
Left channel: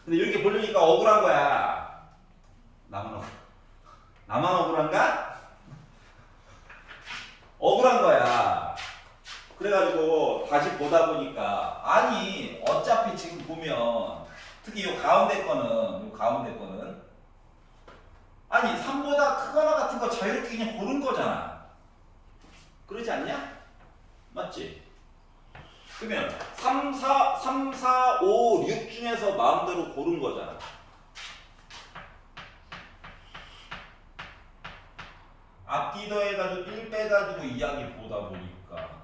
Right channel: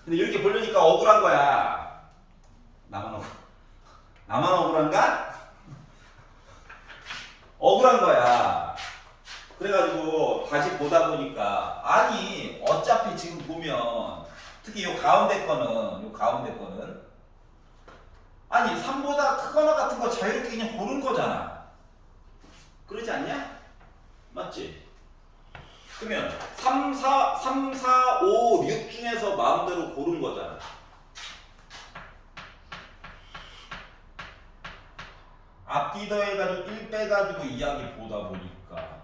근데 이렇게 보려니까 억울한 거야. 나만 억울한가? 억울한 거야. 그래가지고 다시 보다 보니까 아니 어차피 지금 보면 특히 요 가운데 거는 아니 3보다 크거나 같은 거 자유롭게 그냥 고른 거잖아. 그러지 않냐? 맞지? 그러면 3, 4, 5, 6 중에서 마음대로 고른 거잖아. 앞뒤 더해가지고 1 빼가지고 이야기 보다 보니까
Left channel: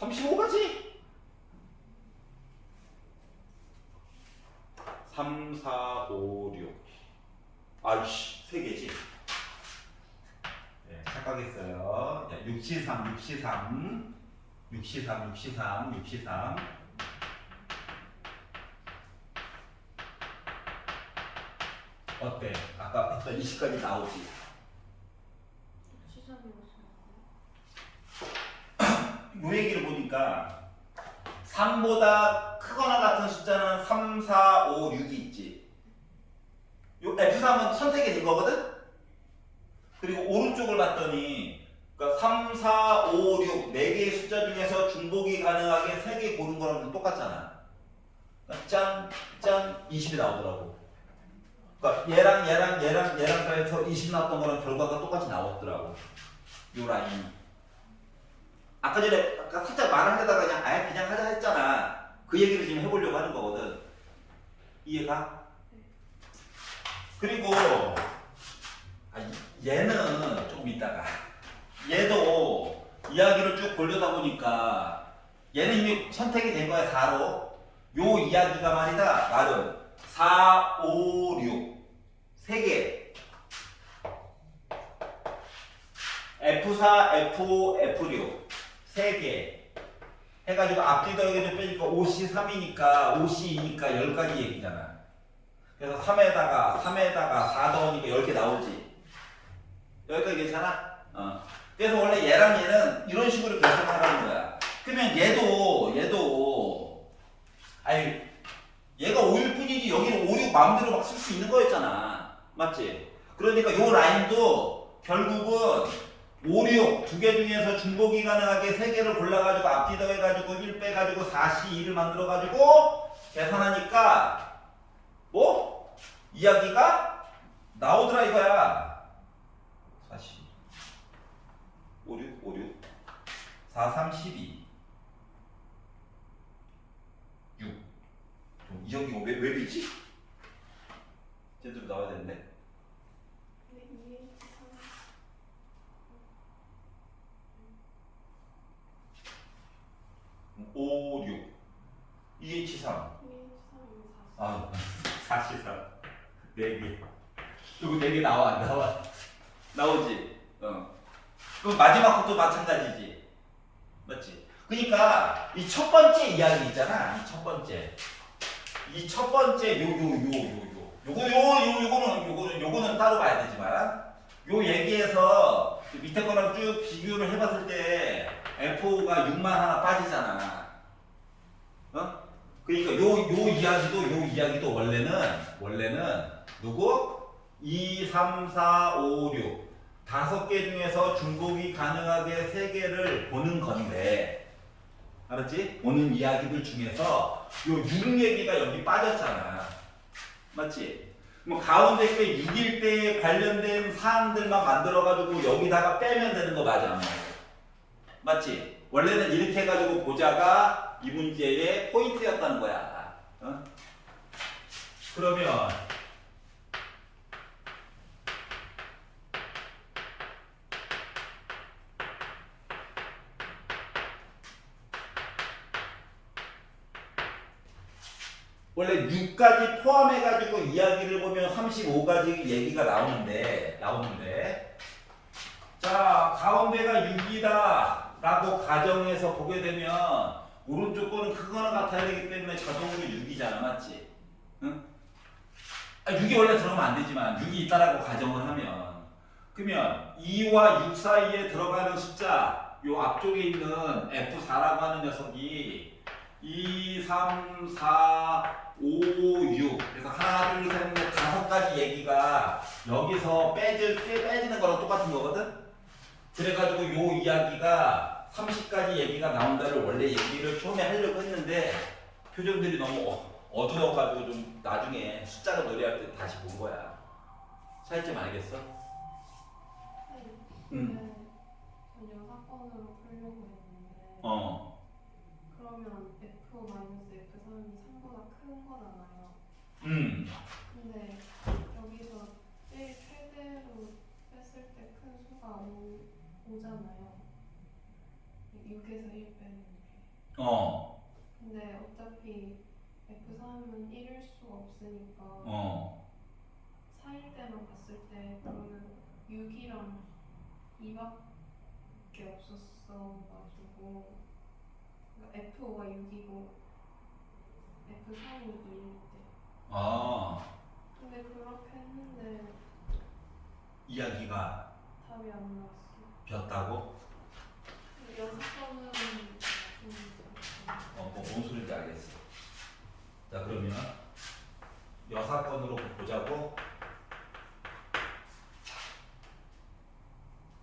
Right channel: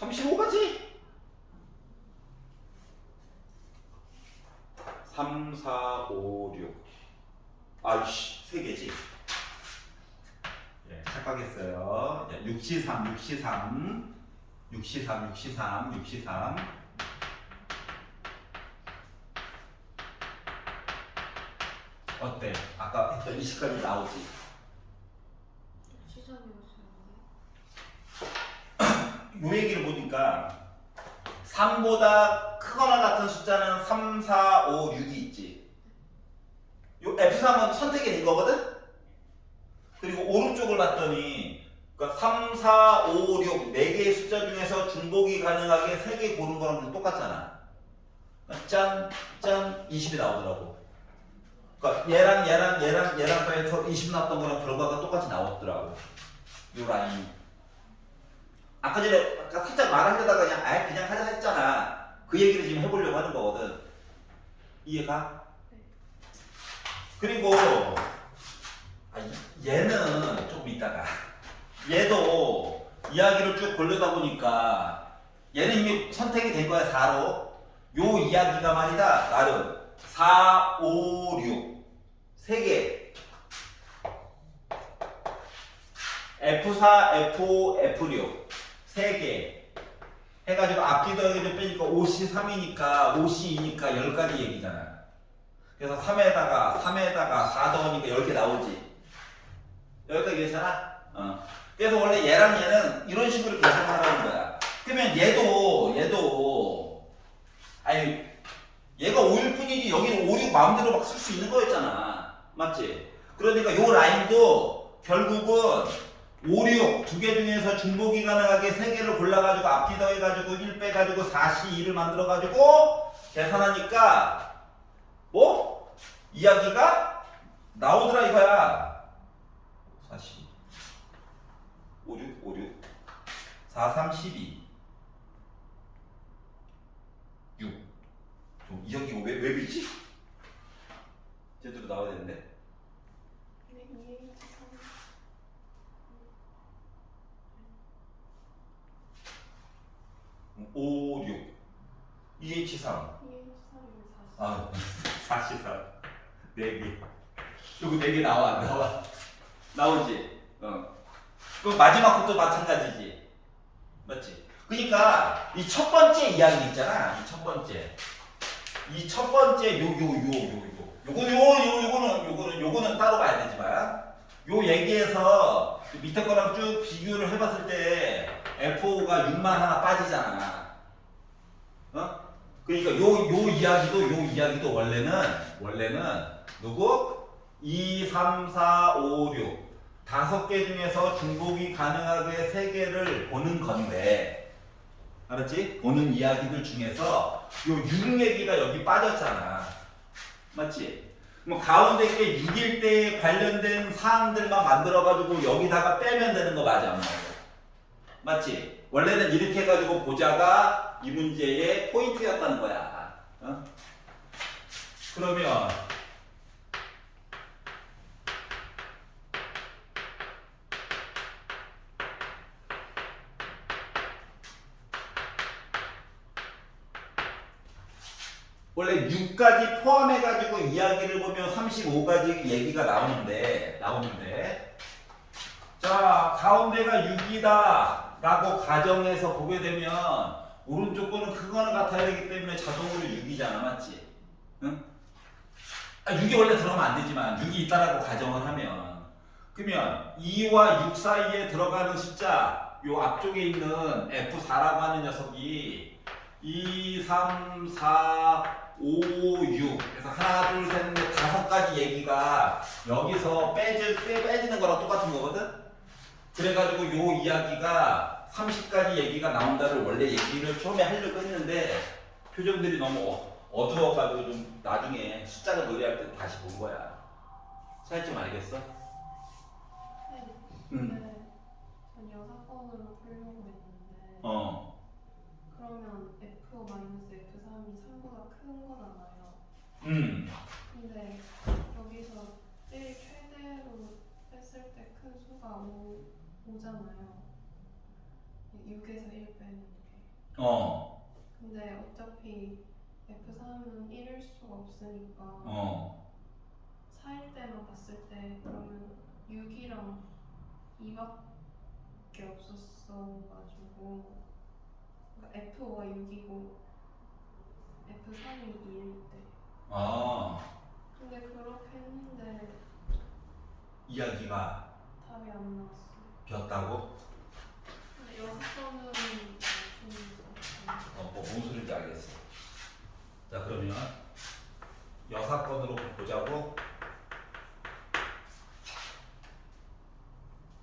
35가지? 3, 4, 5, 6 아이씨 3개지? 예, 착각했어요. 63 어때? 아까 했던 20까지 나오지? 시선이었어요. 요 얘기를 보니까 3보다 크거나 같은 숫자는 3, 4, 5, 6이 있지. 요 F3은 선택이 된 거거든? 그리고 오른쪽을 봤더니 그러니까 3, 4, 5, 6 4개의 숫자 중에서 중복이 가능하게 3개 고른 거랑 똑같잖아. 그러니까 짠 20이 나오더라고. 그러니까 얘랑 더해서 20 나왔던 거랑 결과가 똑같이 나왔더라고. 요 라인이. 아까 살짝 말하려다가 그냥 하자 했잖아. 그 얘기를 지금 해보려고 하는 거거든. 이해가? 그리고 얘는 좀 이따가 얘도 이야기를 쭉 보려다 보니까 얘는 이미 선택이 된 거야 4로. 요 이야기가 말이다 나름 4, 5, 6 3개 F4, F5, F6 3개 해가지고 앞뒤 더하기 빼니까 5C 3이니까 5C 2니까 10가지 얘기잖아. 그래서 3에다가 4 더하니까 10개 나오지. 여기까지 괜찮아? 그래서 원래 얘랑 얘는 이런 식으로 계산하라는 거야. 그러면 얘도 아니 얘가 5일 뿐이지 여기는 5, 6 마음대로 막 쓸 수 있는 거였잖아. 맞지? 그러니까 요 라인도 결국은 5, 6 두 개 중에서 중복이 가능하게 3개를 골라가지고 앞뒤 더해가지고 1 빼가지고 4C 2를 만들어가지고 계산하니까 뭐? 이야기가 나오더라 이거야. 4C 5, 6 4, 3, 12 6 이야기가 왜 비지? 제대로 나와야 되는데 5, 6 2H3 아, 43 4개 이거 4개 나오지? 그럼 마지막 것도 마찬가지지 맞지? 그러니까 이 첫 번째 이야기 있잖아 이 첫 번째 요거는 따로 봐야 되지만 요 얘기에서 밑에 거랑 쭉 비교를 해봤을 때 F5가 6만 하나 빠지잖아. 그러니까 요 이야기도 원래는 누구? 2, 3, 4, 5, 6 5개 중에서 중복이 가능하게 3개를 보는 건데 알았지? 보는 이야기들 중에서 요 6 얘기가 여기 빠졌잖아. 맞지? 뭐 가운데 게 6일 때 관련된 사항들만 만들어가지고 여기다가 빼면 되는 거 맞아? 맞지? 원래는 이렇게 해가지고 보자가 이 문제의 포인트였다는 거야. 그러면 원래 6까지 포함해가지고 이야기를 보면 35가지 얘기가 나오는데 자 가운데가 6이다 라고 가정해서 보게 되면 오른쪽 거는 크거나 같아야 되기 때문에 자동으로 6이잖아 맞지? 응? 6이 원래 들어가면 안 되지만 6이 있다라고 가정을 하면 그러면 2와 6 사이에 들어가는 숫자 요 앞쪽에 있는 F4라고 하는 녀석이 2, 3, 4, 5, 6 그래서 하나, 둘, 셋, 넷, 5가지 얘기가 여기서 빼지는 거랑 똑같은 거거든? 그래가지고 요 이야기가 30가지 얘기가 나온다를 원래 얘기를 처음에 하려고 했는데 표정들이 너무 어두워가지고 좀 나중에 숫자가 노래할 때 다시 본 거야. 차이 좀 알겠어? 네. 응. 전 여사건으로 풀려고 했는데 그러면 F-F3이 3보다 큰 거잖아요. 근데 여기서 제일 최대로 뺐을 때 큰 수가 5잖아요. 6에서 1 빼는 게. 근데 어차피 F3은 1일 수가 없으니까 4일 때만 봤을 때 그러면 6이랑 2밖에 없었어가지고 그러니까 F5가 6이고 F3이 2일 때 근데 그렇게 했는데 이야기가 답이 안 나왔어요. 비었다고? 근데 여사건은 뭔 소리인지 알겠어. 자 그러면 여사건으로 보자고.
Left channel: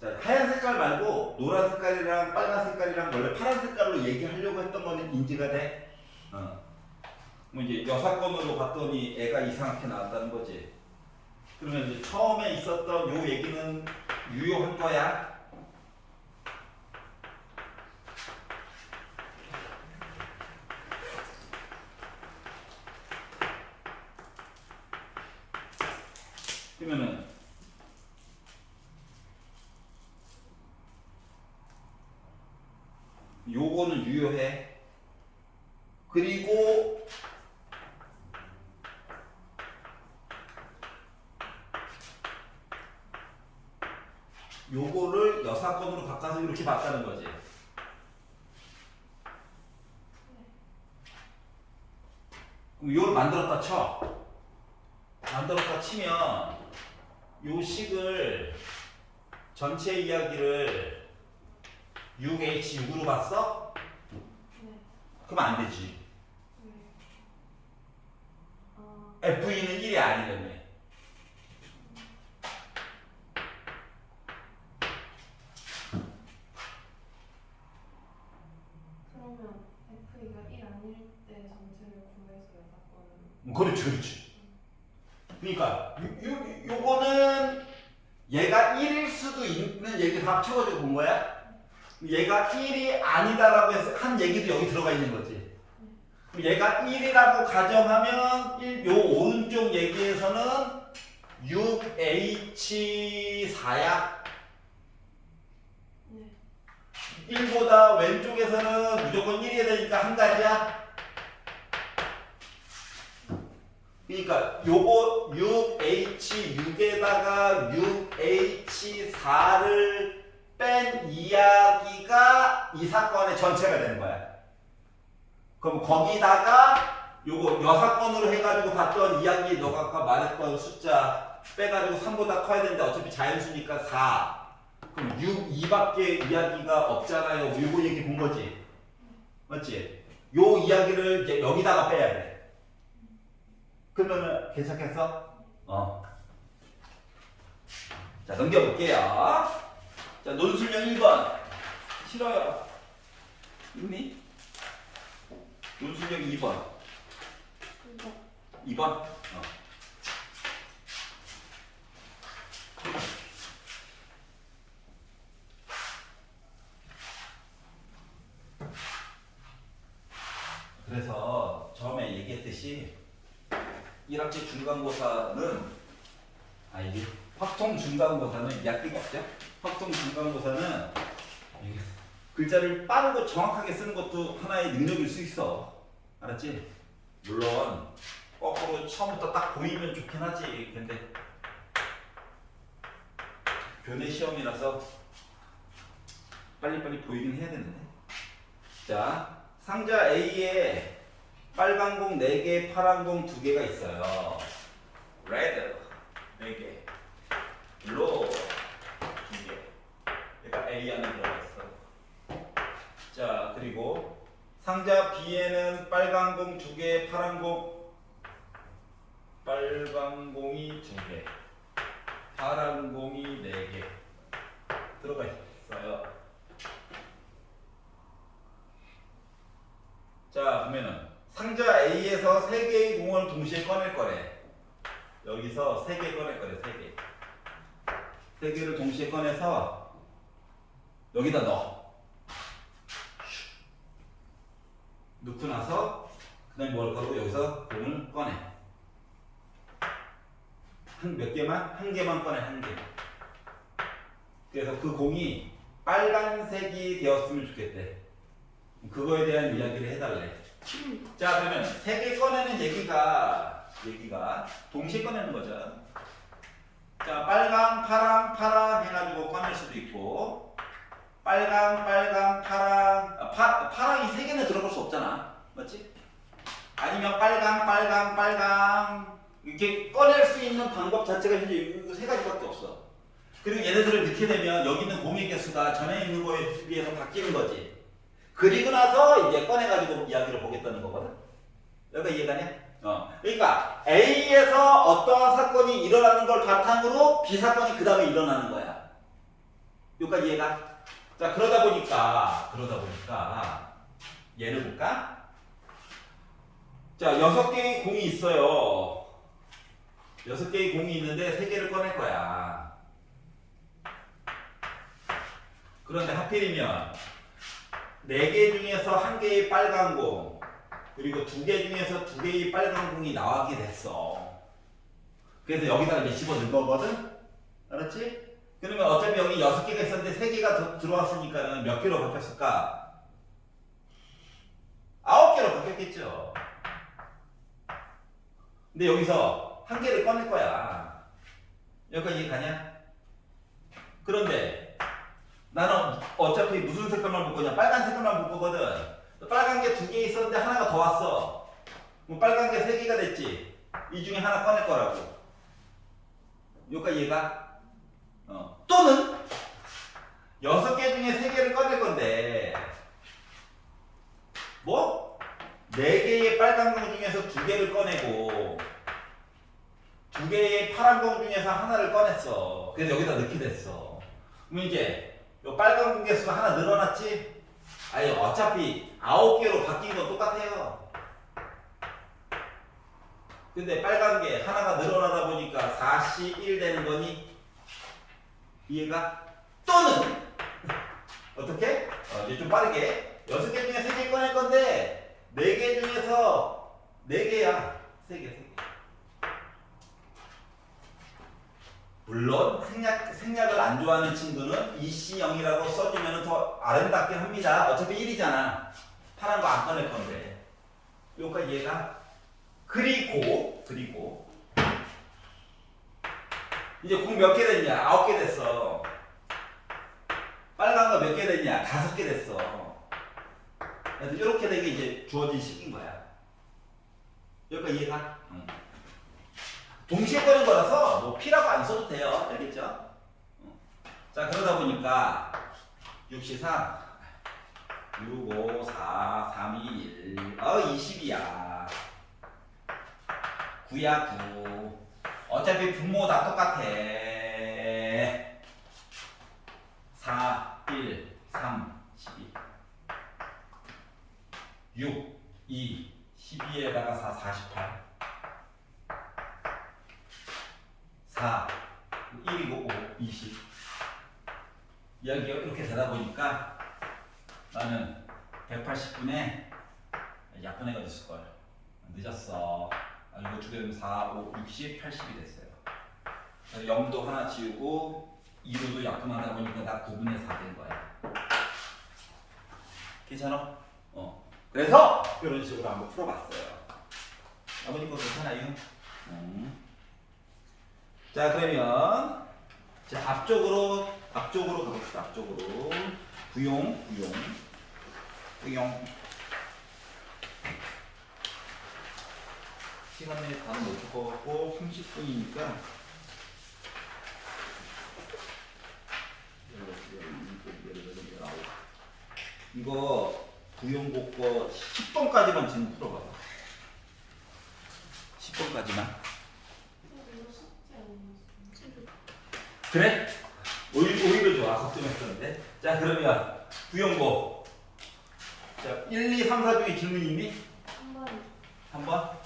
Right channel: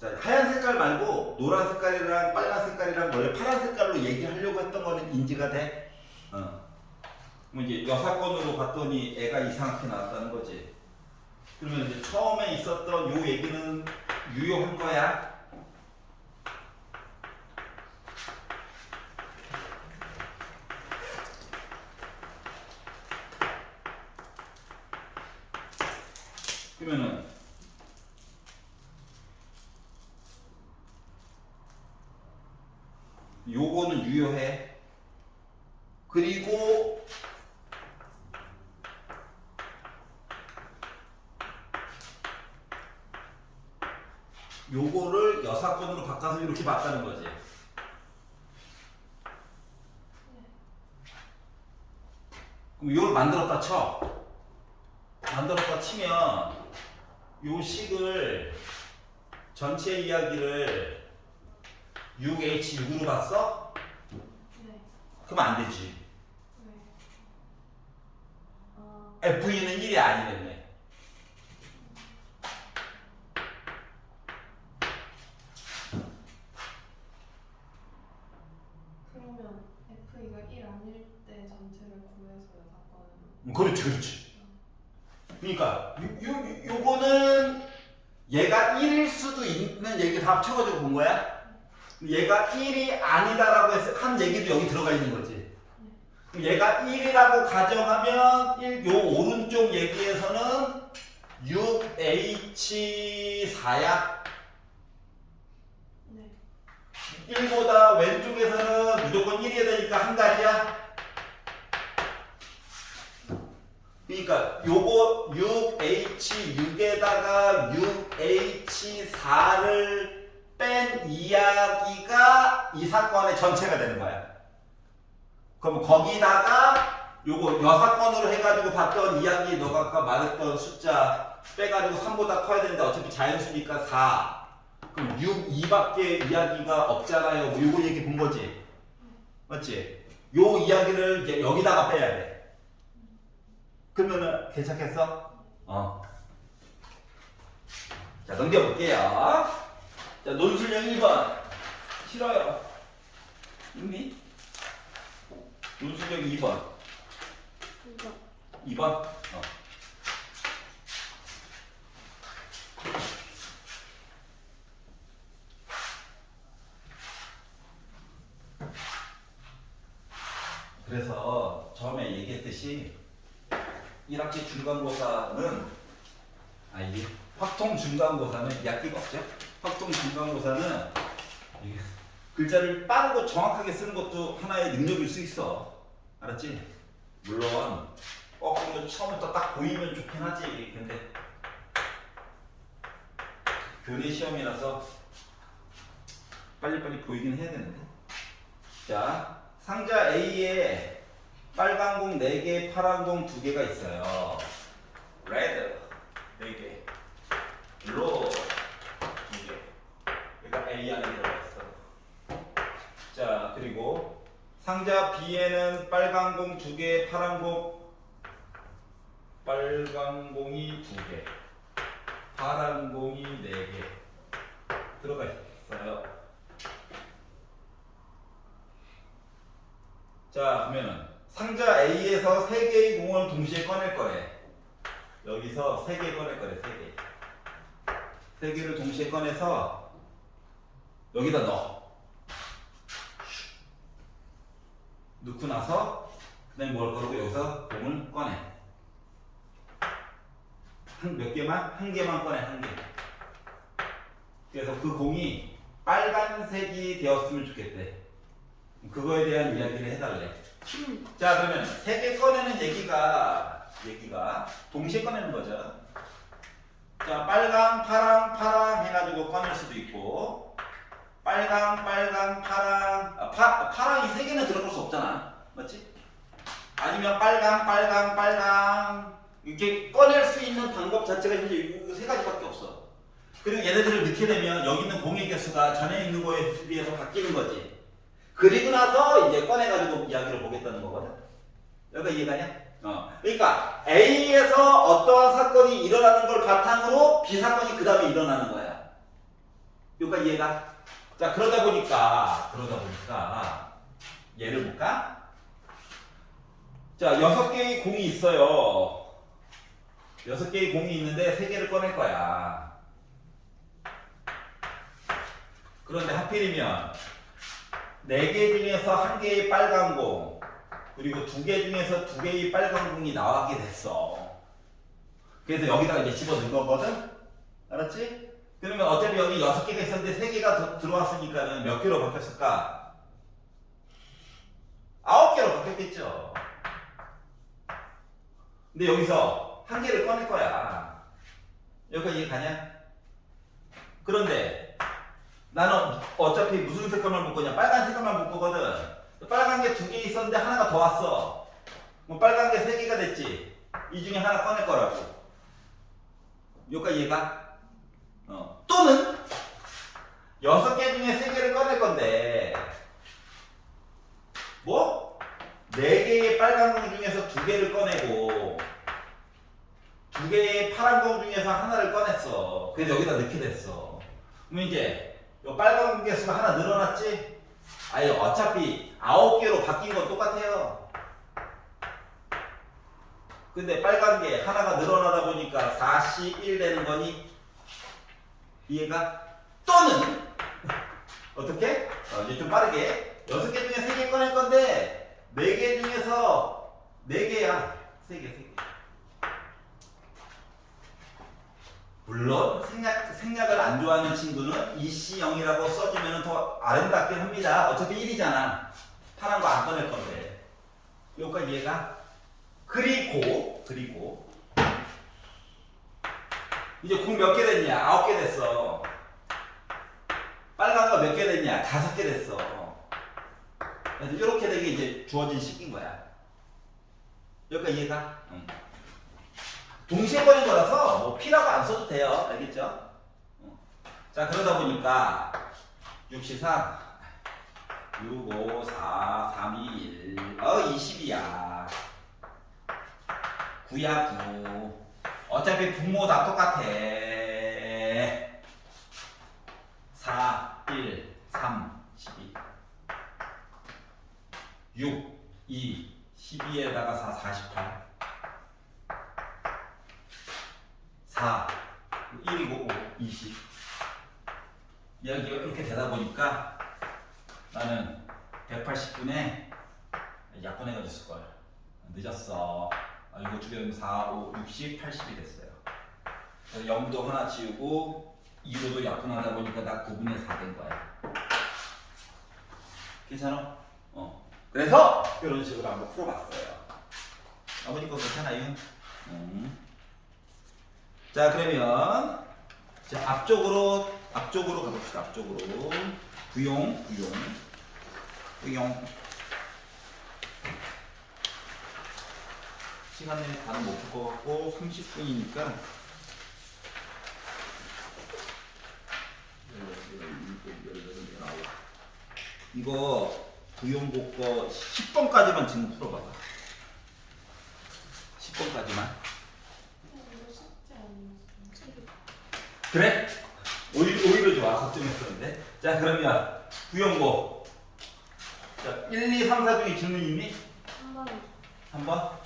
자 하얀 색깔 말고 노란 색깔이랑 빨간 색깔이랑 원래 파란 색깔로 얘기하려고 했던 거는 인지가 돼? 뭐 이제 여사건으로 봤더니 애가 이상하게 나왔다는 거지. 그러면 이제 처음에 있었던 요 얘기는 유효한 거야. 그러면은 요거는 유효해. 그리고 요거를 여사건으로 바꿔서 이렇게 봤다는 거지. 그럼 이걸 만들었다 쳐. 만들었다 치면 요 식을 전체 이야기를 6H6으로 봤어? 네. 그럼 안 되지. 네. FE는 1이 아니라며. 그러면 F가 1 아닐 때 전체를 구해서 여사건으로. 그렇지, 그렇지. 그러니까 요거는 얘가 1일 수도 있는 얘기 다 합쳐가지고 본 거야. 얘가 1이 아니다라고 한 얘기도 여기 들어가 있는 거지. 그럼 얘가 1이라고 가정하면 요 오른쪽 얘기에서는 6H4야. 네. 1보다 왼쪽에서는 무조건 1이어야 되니까 한 가지야. 그러니까 요거 6H6에다가 6H4를 뺀 이야기가 이 사건의 전체가 되는 거야. 그럼 거기다가 요거 여사건으로 해가지고 봤던 이야기, 너가 아까 말했던 숫자 빼가지고 3보다 커야 되는데 어차피 자연수니까 4. 그럼 6, 2밖에 이야기가 없잖아요. 뭐 요거 얘기 본 거지. 맞지? 요 이야기를 이제 여기다가 빼야 돼. 그러면은 괜찮겠어? 자, 넘겨볼게요. 자, 논술형 1번. 싫어요. 있니? 논술형 2번. 2번? 그래서 처음에 얘기했듯이 1학기 중간고사는 이게 확통 중간고사는 약기가 없죠. 확통 중간고사는 이게 글자를 빠르고 정확하게 쓰는 것도 하나의 능력일 수 있어. 알았지? 물론 거꾸로 처음부터 딱 보이면 좋긴 하지. 근데 교내 시험이라서 빨리빨리 보이긴 해야 되는데. 자, 상자 A에 빨간 공 4개, 파란 공 2개가 있어요. 레드 4개, 블루 2개. 얘가 A 안에 들어가 있어. 자, 그리고 상자 B에는 빨간 공 2개, 파란 공이 2개, 파란 공이 4개 들어가 있어요. 자, 그러면은 상자 A에서 3개의 공을 동시에 꺼낼 거래. 여기서 3개 꺼낼 거래. 3개. 3개를 동시에 꺼내서 여기다 넣어. 넣고 나서 그다음에 뭐 할 거라고? 여기서 공을 꺼내. 몇 개만? 한 개만 꺼내. 한 개. 그래서 그 공이 빨간색이 되었으면 좋겠대. 그거에 대한 이야기를 해달래. 자, 그러면 3개 꺼내는 얘기가 동시에 꺼내는 거죠. 자, 빨강, 파랑 해가지고 꺼낼 수도 있고, 빨강, 파랑, 파랑이 3개는 들어볼 수 없잖아. 맞지? 아니면 빨강 이렇게 꺼낼 수 있는 방법 자체가 이제 이 3가지밖에 없어. 그리고 얘네들을 넣게 되면 여기 있는 공의 개수가 전에 있는 거에 비해서 바뀌는 거지. 그리고 나서 이제 꺼내가지고 이야기를 보겠다는 거거든. 여기가 이해가냐? 그러니까 A에서 어떠한 사건이 일어나는 걸 바탕으로 B 사건이 그 다음에 일어나는 거야. 여기까지 이해가? 자, 그러다 보니까 예를 볼까? 자, 6개의 공이 있어요. 6개의 공이 있는데 3개를 꺼낼 거야. 그런데 하필이면 4개 중에서 1개의 빨간 공, 그리고 2개 중에서 2개의 빨간 공이 나오게 됐어. 그래서 여기다가 이제 집어넣은 거거든? 알았지? 그러면 어차피 여기 6개가 있었는데 3개가 들어왔으니까는 몇 개로 바뀌었을까? 9개로 바뀌었겠죠. 근데 여기서 1개를 꺼낼 거야. 여기까지 이해 가냐? 그런데 나는 어차피 무슨 색깔만 볼 거냐? 빨간 색깔만 볼 거거든. 빨간 게 2개 있었는데 하나가 더 왔어. 그럼 빨간 게 3개가 됐지. 이 중에 하나 꺼낼 거라고. 여기까지 이해가? 또는 6개 중에 3개를 꺼낼 건데 뭐? 4개의 빨간 공 중에서 2개를 꺼내고 2개의 파란 공 중에서 하나를 꺼냈어. 그래서 여기다 넣게 됐어. 그럼 이제 요 빨간 공 개수가 하나 늘어났지? 아니 어차피 9개로 바뀐 건 똑같아요. 근데 빨간 게 하나가 늘어나다 보니까 41 되는 거니? 이해가? 또는 어떻게? 이제 좀 빠르게 6개 중에 3개 꺼낼 건데 4개 중에서 4개야. 3개. 물론 생략을 안 좋아하는 친구는 EC0이라고 써주면 더 아름답긴 합니다. 어차피 1이잖아. 파란 거 안 꺼낼 건데. 여기까지 이해가? 그리고 이제 공 몇 개 됐냐? 9개 됐어. 빨간 거 몇 개 됐냐? 5개 됐어. 그래서 이렇게 되게 이제 주어진 식인 거야. 여기까지 이해가? 응. 동시에 꺼낸 거라서 뭐 P라고 안 써도 돼요. 알겠죠? 자, 그러다 보니까 6시상 6, 5, 4, 3, 2, 1 20이야. 9야 9. 어차피 분모 다 똑같아. 4, 1, 3, 12 6, 2, 12에다가 4, 48 4, 1이고 5, 20 여기가 이렇게 되다 보니까 나는 180분에 약분해가 됐을걸. 늦었어. 이거 줄여면 4, 5, 60, 80이 됐어요. 그래서 0도 하나 지우고 2로도 약분하다 보니까 나 9분의 4 된 거야. 괜찮아? 그래서 이런 식으로 한번 풀어봤어요. 아버님 거 괜찮아요? 자, 그러면 자, 앞쪽으로 가봅시다. 앞쪽으로 부용 시간이 다는 못 볼 것 같고 30분이니까 이거 부용고 거 10번까지만 지금 풀어봐봐. 10번까지만. 이거 숙제 아니었어요? 그래? 오히려 좋아. 걱정했었는데. 자, 그러면 부용고. 자, 1, 2, 3, 4 중에 질문 있니? 한 번 한번.